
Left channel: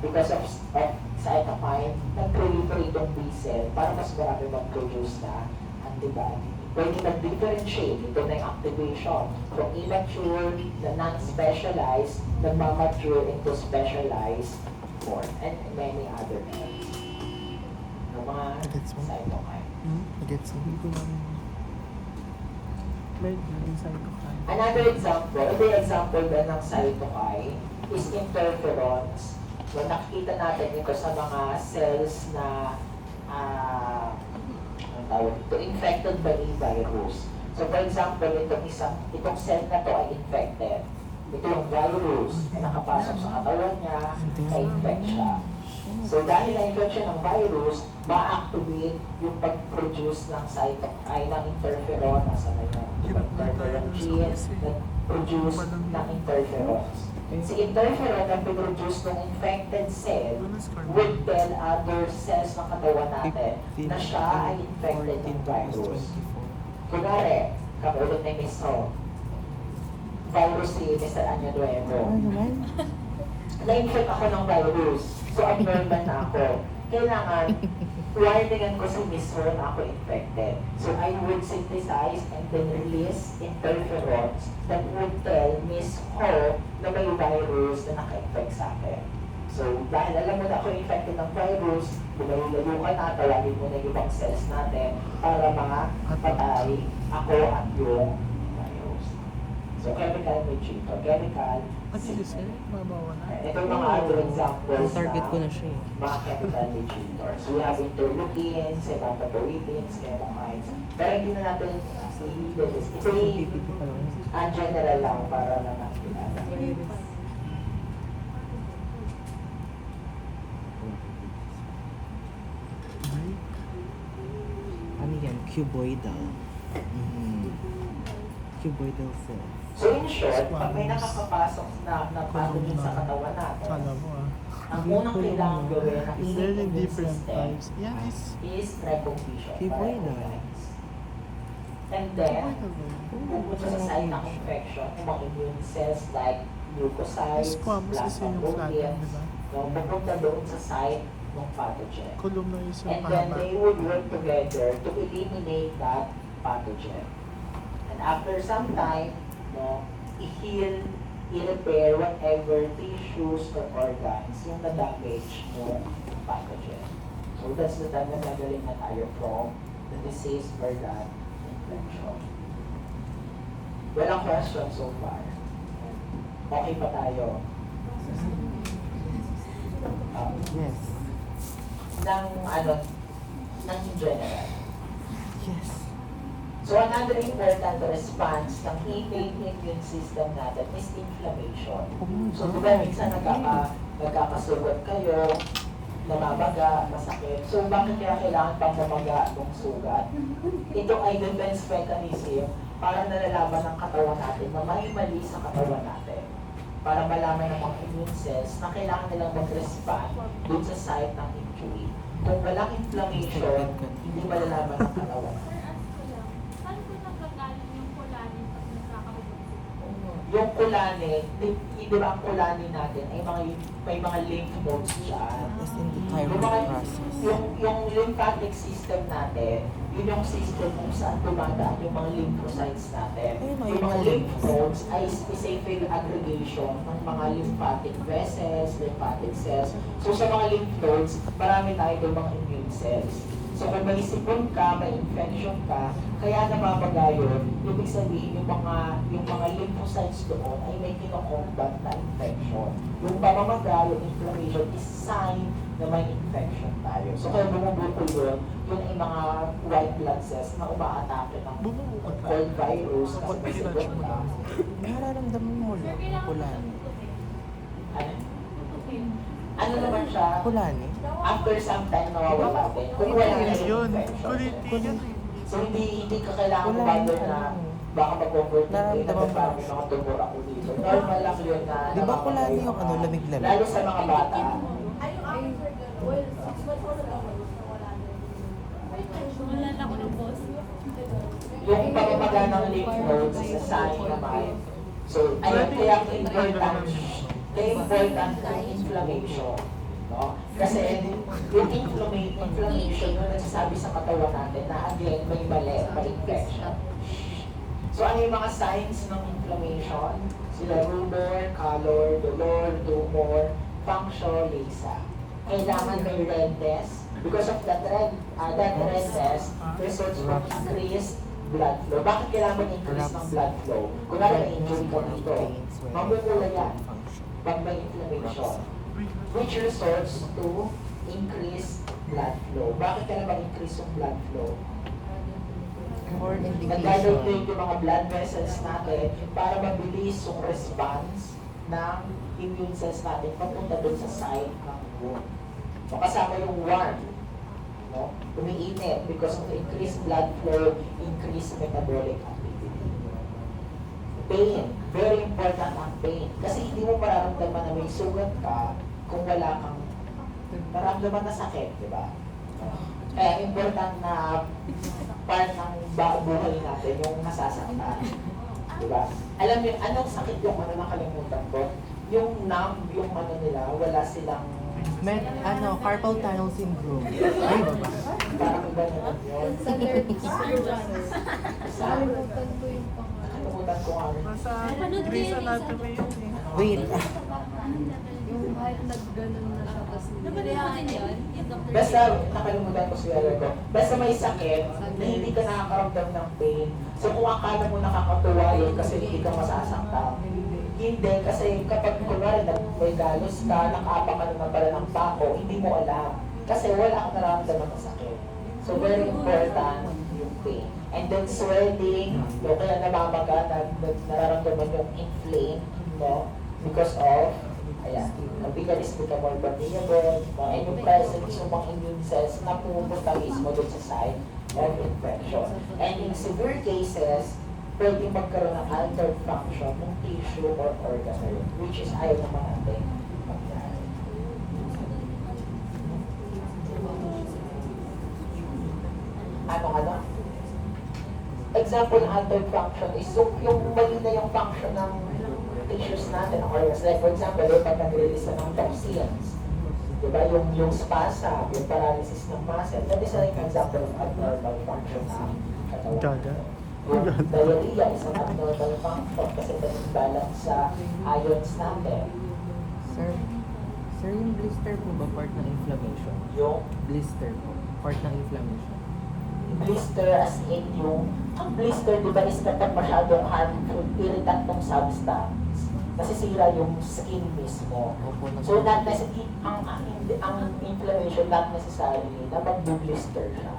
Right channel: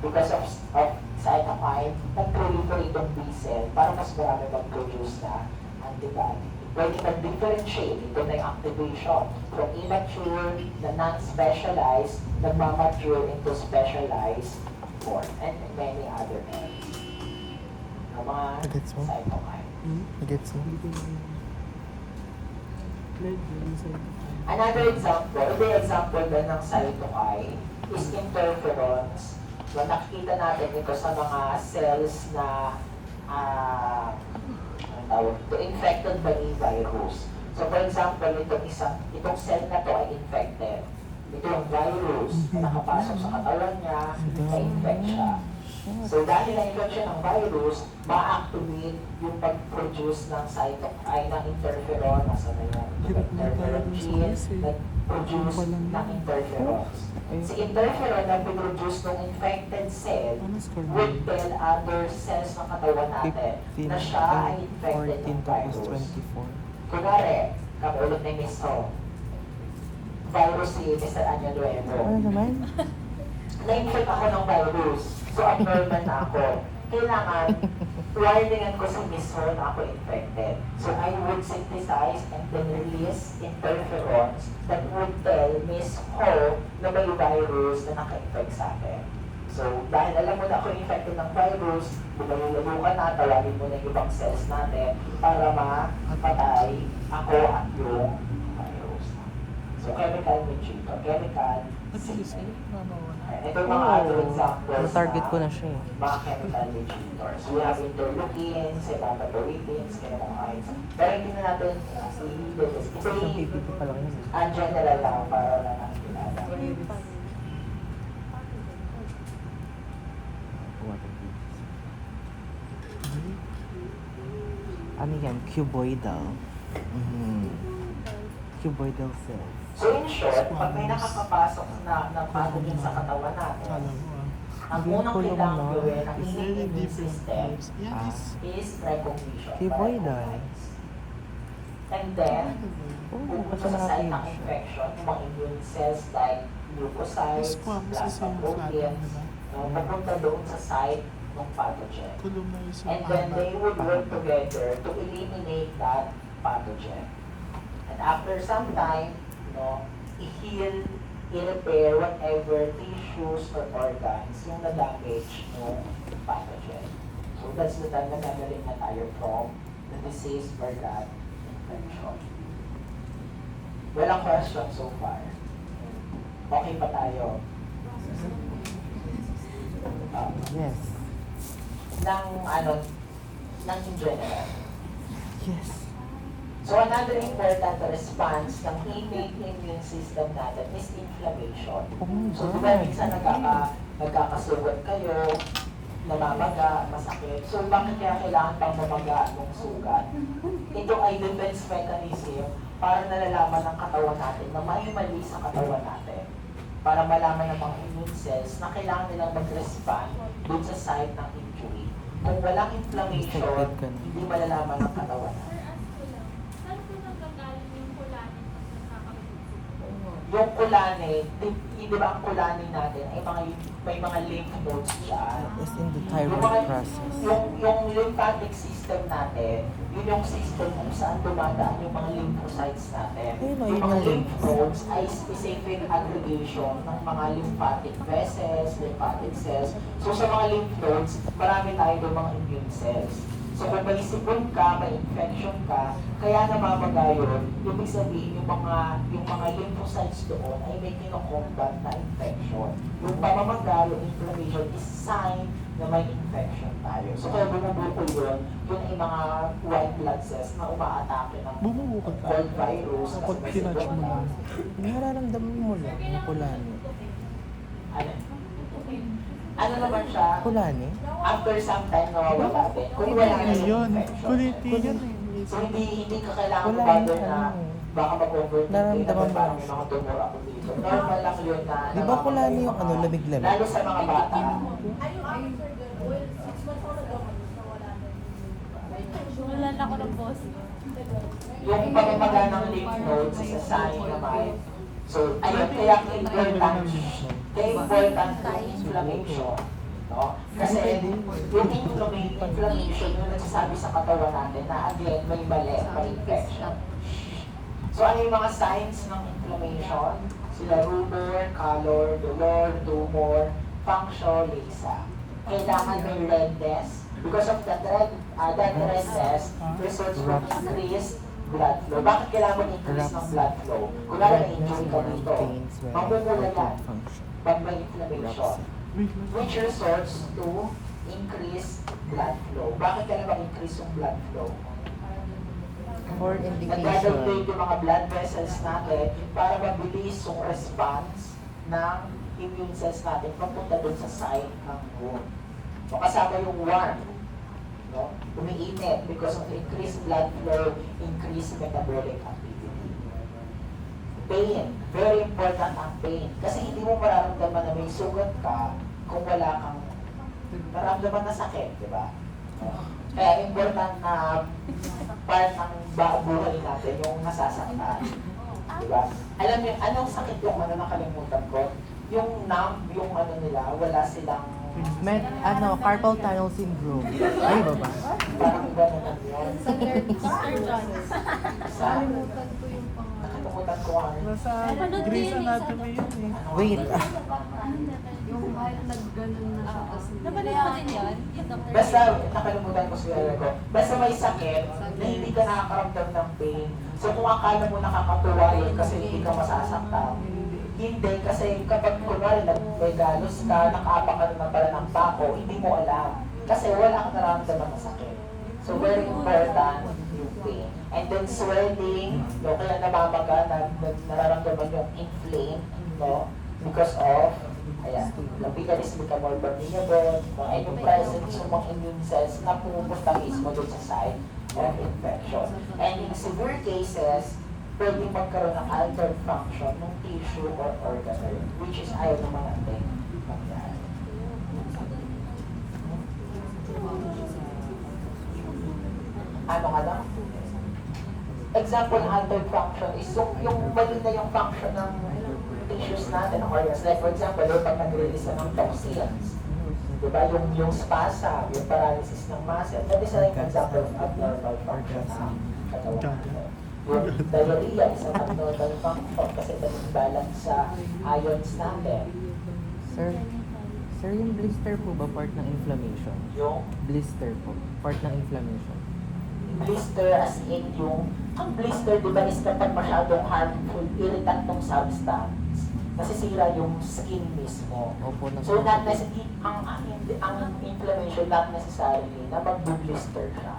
Because of cytokine, nag-proliferate yung B cell para mas marami mag-produce na antibody. Pwede mag-differentiate, ito na yung activation from immature na non-specialized, nagmamature into specialized form, and many other things. Yung mga Gets mo? cytokine. Gets mo? Hindi ko lang... May cytokine. Another example, the example din ng cytokine is interferons. So, nakikita natin ito sa mga cells na infected by a virus. So for example, itong cell na to ay infected. Ito yung virus na nakapasok sa katawan niya, na-infect siya. So dahil na-infect siya ng virus, ma-activate yung pag-produce ng cytokine, ng interferon, nasa na yung interferon gene, nag-produce ng interferons. Si interferon na produce ng infected cell will tell other cells ng katawan natin na siya ay infected ng virus. Kunwari, kamulot ni Miss Ho, virus si Mr. Anya Nuevo. Ano naman? Na-infect ako ng virus, so abnormal na ako. Kailangan, warningan ko si Miss Ho na ako infected. So I would synthesize and then release interferons that would tell Miss Ho na may virus na naka-infect sa akin. So dahil alam mo na ako infected ng virus, lumayo ka na, tawagin mo na yung ibang cells natin para mapatay ako at yung virus. So chemical mediator, chemical signaling. Ito yung mga other examples Target ko na siya eh. mga chemical mediators. We have interleukins, hematopoietins, chemokines. Pero hindi na natin i-list. Ito yung general lang para lang nakikilala. Ano yan? Cuboidal. Cuboidal cells. So in short, pag may nakakapasok na pathogen sa katawan natin, ang unang kailangan gawin ng It's very immune different system types. Yeah, this... is recognition. Cuboidal. And then, Oh, pupunta sa site ng infection, yung mga immune cells like leukocytes, Squamous kasi plasma yung proteins, flatten, no, pupunta doon sa site ng pathogen. Kulong na yung And then they would work together to eliminate that pathogen. And after some time, no, i-heal, i-repair whatever tissues or organs yung na-damage ng pathogen. So that's the time na nagaling na tayo from the disease or that infection. Walang question so far. Okay pa tayo? Yes. Ng in general. Yes. So another important response ng immune system natin is inflammation. So diba minsan nagkakasugat kayo, namamaga, masakit. So bakit kaya kailangan pang mamaga itong sugat? Ito ay defense mechanism para nalalaman ng katawan natin na may mali sa katawan natin. Para malaman ng mga immune cells na kailangan nilang mag-respond dun sa site ng injury. Kung walang inflammation, hindi malalaman ng katawan natin. yung kulani, di ba ang kulani natin ay may mga lymph nodes dyan. Yes, in the Yung mga, thyroid process. yung lymphatic system natin, yun yung system kung saan dumadaan yung mga lymphocytes natin. Yung mga lymph nodes ay specific aggregation ng mga lymphatic vessels, lymphatic cells. So sa mga lymph nodes, marami tayo doon mga immune cells. So pag may sipon ka, may infection ka, kaya namamaga yun, ibig sabihin yung mga lymphocytes doon ay may kinokombat na infection. Yung pamamaga, yung inflammation is sign na may infection tayo. So kaya bumubukol yun, yun ay mga white blood cells na umaatake ng Bumubukol ka? cold virus kasi may sipon ka. Nararamdaman mo na kulani. Ano naman siya? Kulani? After some time nawawala din. Kung wala na yung Yun. infection. Kuliti yun. So hindi ka kailangan Wala bother yung na ano. baka mag-overthink kayo na Nararamdaman parang mo. may mga tumura ko dito. Normal lang yun na Di ba namamaga kulani yung yung mga- ano, lamig-lamig? Lalo sa mga bata. Wala na ako ng boss. Yung pamamaga ng lymph nodes is a sign naman. So, ayun, kaya important yung inflammation. No? Kasi yung inflammation yung nagsasabi sa katawan natin na again, may mali, may infection. So, ano yung mga signs ng inflammation? Sila rubor, color, dolor, tumor, function, lisa. Kailangan may redness. Because of that redness results from increased blood flow. Bakit kailangan increase ng blood flow? Kung may injury ka dito, mamumula yan pag may inflammation. Which results to increase blood flow. Bakit kailangan increase yung blood flow? Or Nagdadagdag indication. yung mga blood vessels natin para mabilis yung response ng immune cells natin papunta dun sa site ng wound. So kasama yung warm, no? Umiinit because of the increased blood flow, increased metabolic activity. Pain, very important ang pain. Kasi hindi mo mararamdaman na may sugat ka kung wala kang nararamdaman na sakit, di ba? Kaya important na part ng buhay natin yung nasasaktan. Di ba? Alam niyo, anong sakit yung nakalimutan ko? Yung numb, yung nila, wala silang Carpal tunnel syndrome. Ay, baba. parang iba naman yun. Sa nerd, Sir John. Sa, Nakalimutan ko yung pangalan. nakalimutan ko ano. Nasa Napanood ko Grey's yun eh, Anatomy sa- yun eh. Wait. Yung kahit nagganon na siya, tapos napanood ko din yun. Basta, nakalimutan ko siya ko. Basta may sakit na hindi ka nakakaramdam ng pain. So kung akala mo nakakatuwa yun kasi hindi ka masasaktan, hindi, kasi kapag kunwari may galos ka, nakaapak ka naman pala ng pako, hindi mo alam. Kasi wala kang nararamdaman ng sakit. So very important yung pain. And then swelling, no, kaya namamaga, nararamdaman yung inflame, no, because of, ayan, the bigalis become more permeable, no, and yung presence ng mga immune cells na pumupunta mismo dun sa site of infection. And in severe cases, pwedeng magkaroon ng altered function ng tissue or organ na yun, which is ayaw naman natin mangyari. Ano? Example ng altered function is yung mali na yung function ng tissues natin, ng organs. Like for example, pag nag-release na ng toxins, diba? Yung spasm, yung paralysis ng muscle, that is an example of abnormal function ng katawan. Gaga. Yung diarrhea is an abnormal function kasi balance sa ions natin. Sir, yung blister po ba part ng inflammation? Yung Blister po, part ng inflammation. blister as in ang blister diba is kapag masyadong harmful, irritant ng substance, nasisira yung skin mismo. Opo, So not necessarily, ang inflammation not necessarily na mag-blister siya.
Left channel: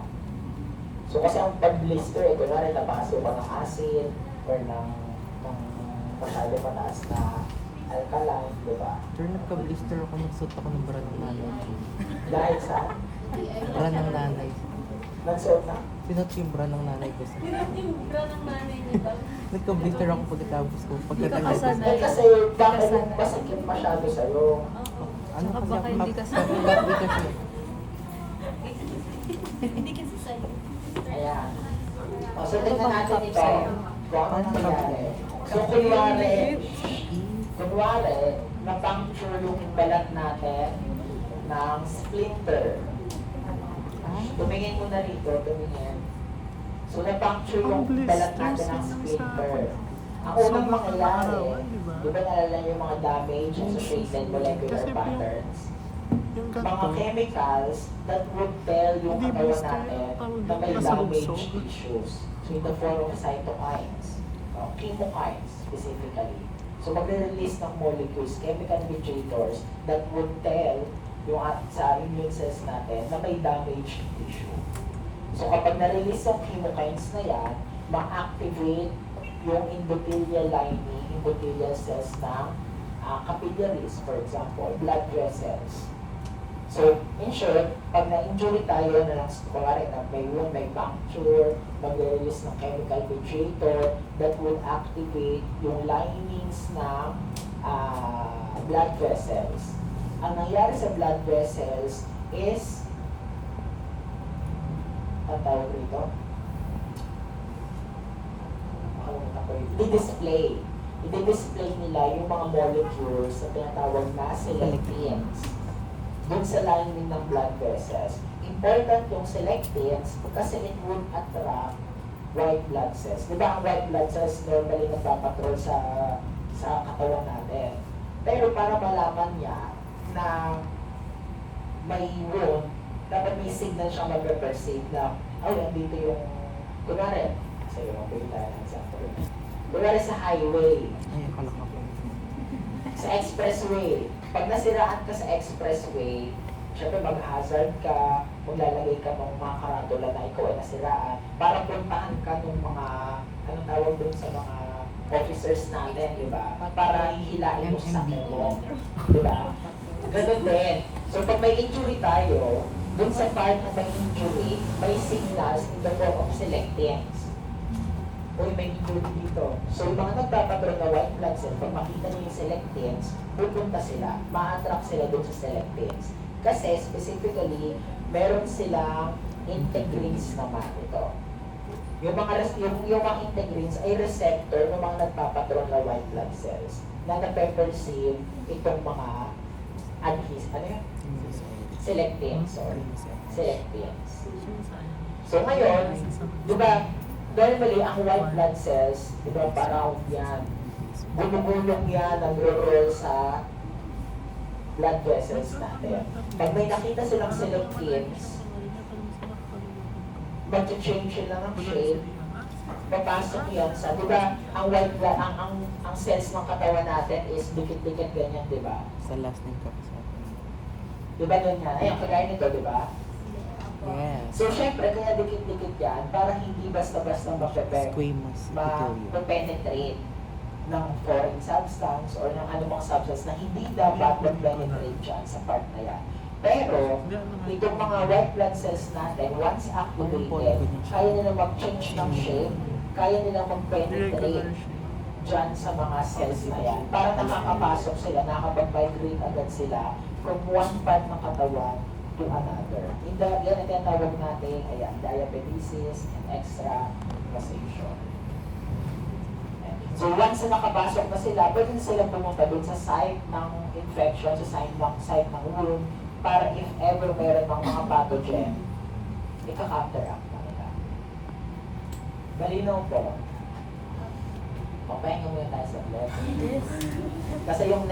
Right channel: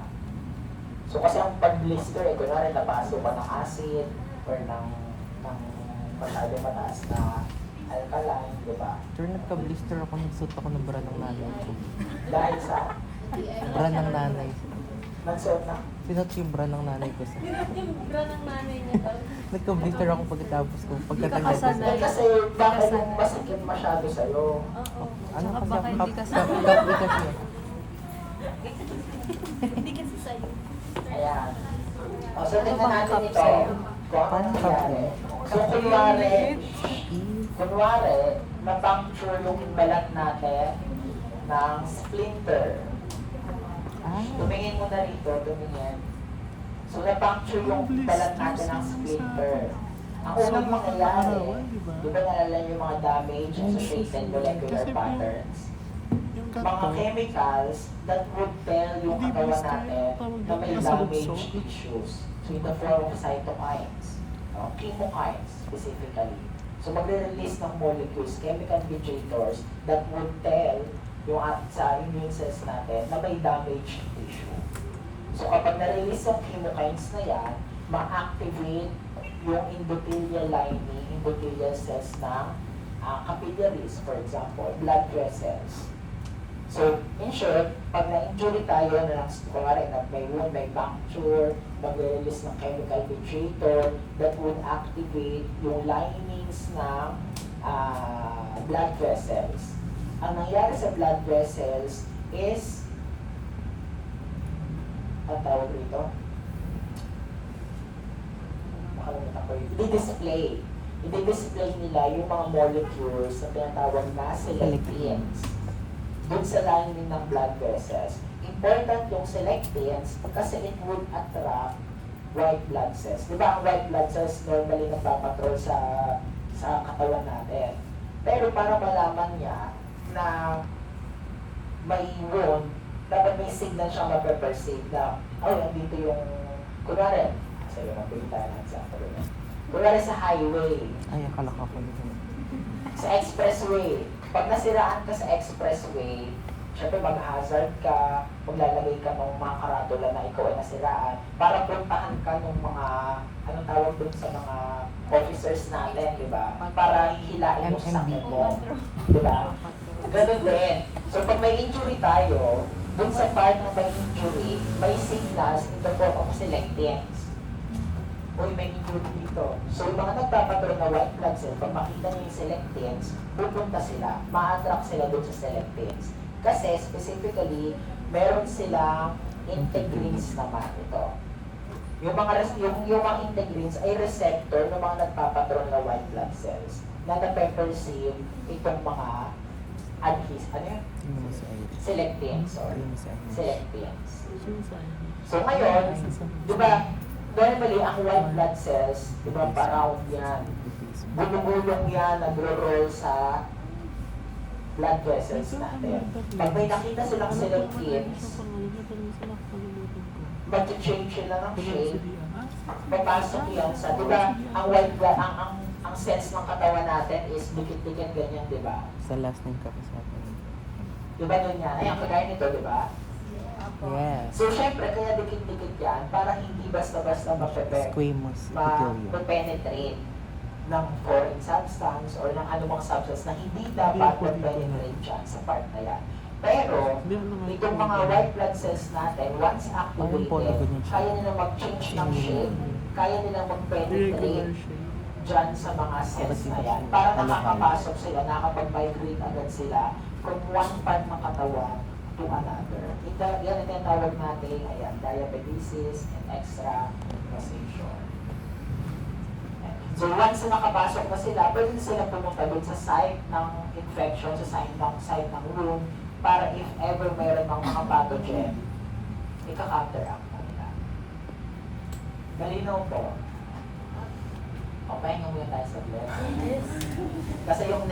So kasi ang pag-blister, kunwari napasok ka ng acid or ng masyado mataas na alkaline, di ba? Sir, nagka-blister ako, nagsuot ako ng bra ng nanay ko. Dahil sa Bra ng nanay. nagsuot na, Sinuot ko yung bra ng nanay ko. sir. Yung bra ng nanay niya. Nagka-blister ako pagkatapos ko. Hindi ka kasana. eh kasi bakit yung masakit masyado sa'yo? Oo. Ano Tsaka kasi baka ako- hindi ka sa... Hindi kasi. Hindi kasi sa'yo. Ayan. O, so tingnan Ano bang natin cup ito. sa'yo? kung ano nangyari. So, kunwari, na-puncture yung balat natin ng splinter. Tumingin mo na rito, tumingin. So, na-puncture yung balat natin ng splinter. Ang unang mangyayari, di ba nalala yung mga damage associated molecular patterns? Mga chemicals that would tell yung katawan natin na may damaged tissues. So, in the form of cytokines, chemokines specifically. So, magre-release ng molecules, chemical mediators that would tell yung sa immune cells natin na may damaged tissue. So, kapag na-release yung chemokines na yan, ma-activate yung endothelial lining, endothelial cells ng capillaries, for example, blood vessels. So, in short, pag na-injury tayo na kunwari na may wound, may puncture, mag-release ng chemical mediator that would activate yung linings ng blood vessels. Ang nangyari sa blood vessels is, ang tawag rito? Makalimutan ko yun. I-display nila yung mga molecules na tinatawag na selectins dun sa lining ng blood vessels. Important yung selectins kasi it would attract white blood cells. Di ba ang white blood cells normally nagpapatrol sa katawan natin? Pero para malaman niya na may wound, dapat may signal siyang mag-perceive na, ay, andito yung, kunwari, kasi yung mabili tayo ng example. Kunwari sa highway, Ay, akala ko po. sa expressway. Pag nasiraan ka sa expressway, syempre mag-hazard ka, maglalagay ka ng mga karatula na ikaw ay nasiraan para puntahan ka ng mga, anong tawag dun sa mga officers natin, di ba? Para hihilain mo sa akin mo. Di ba? Ganun din. So pag may injury tayo, dun sa part na may injury, may signals in the form of selectins. Uy, may injury dito. So, yung mga nagpapatrol na white blood cell, pag makita niyo yung selectins, pupunta sila, ma-attract sila dun sa selectins. Kasi, specifically, meron silang integrins naman ito. Yung mga integrins ay receptor ng mga nagpapatrol na white blood cells na nape-perceive itong mga selectins, selectins. So, ngayon, di ba, normally, ang white blood cells, di ba, pa-round yan. Gulong-gulong yan, nagro-roll sa blood vessels natin. Pag may nakita silang selectins, mag-change sila ng shape, papasok yan sa, di ba, ang white blood, ang cells ng katawan natin is dikit-dikit ganyan, di ba? Sa last ng kasi. Di ba doon yan? Ay, ang kagaya nito, di ba? Yes. So, syempre, kaya dikit-dikit yan para hindi basta-basta Squamous epithelium. ma-penetrate ng foreign substance or ng anumang substance na hindi dapat mag-penetrate dyan sa part na yan. Pero, itong mga white blood cells natin, once activated, kaya nila mag-change ng shape, kaya nila mag-penetrate dyan sa mga cells na yan. Para nakakapasok sila, nakakapag-migrate agad sila from one part ng katawan to another. Yan ang tinatawag natin, ayan, diabetes and extravasation. So once na nakapasok na sila, pwede na sila pumunta dun sa site ng infection, sa site ng wound, para if ever meron ng mga pathogen, ika-counteract na nila. Malinaw po. Papahinga muna tayo sa blood. Kasi yung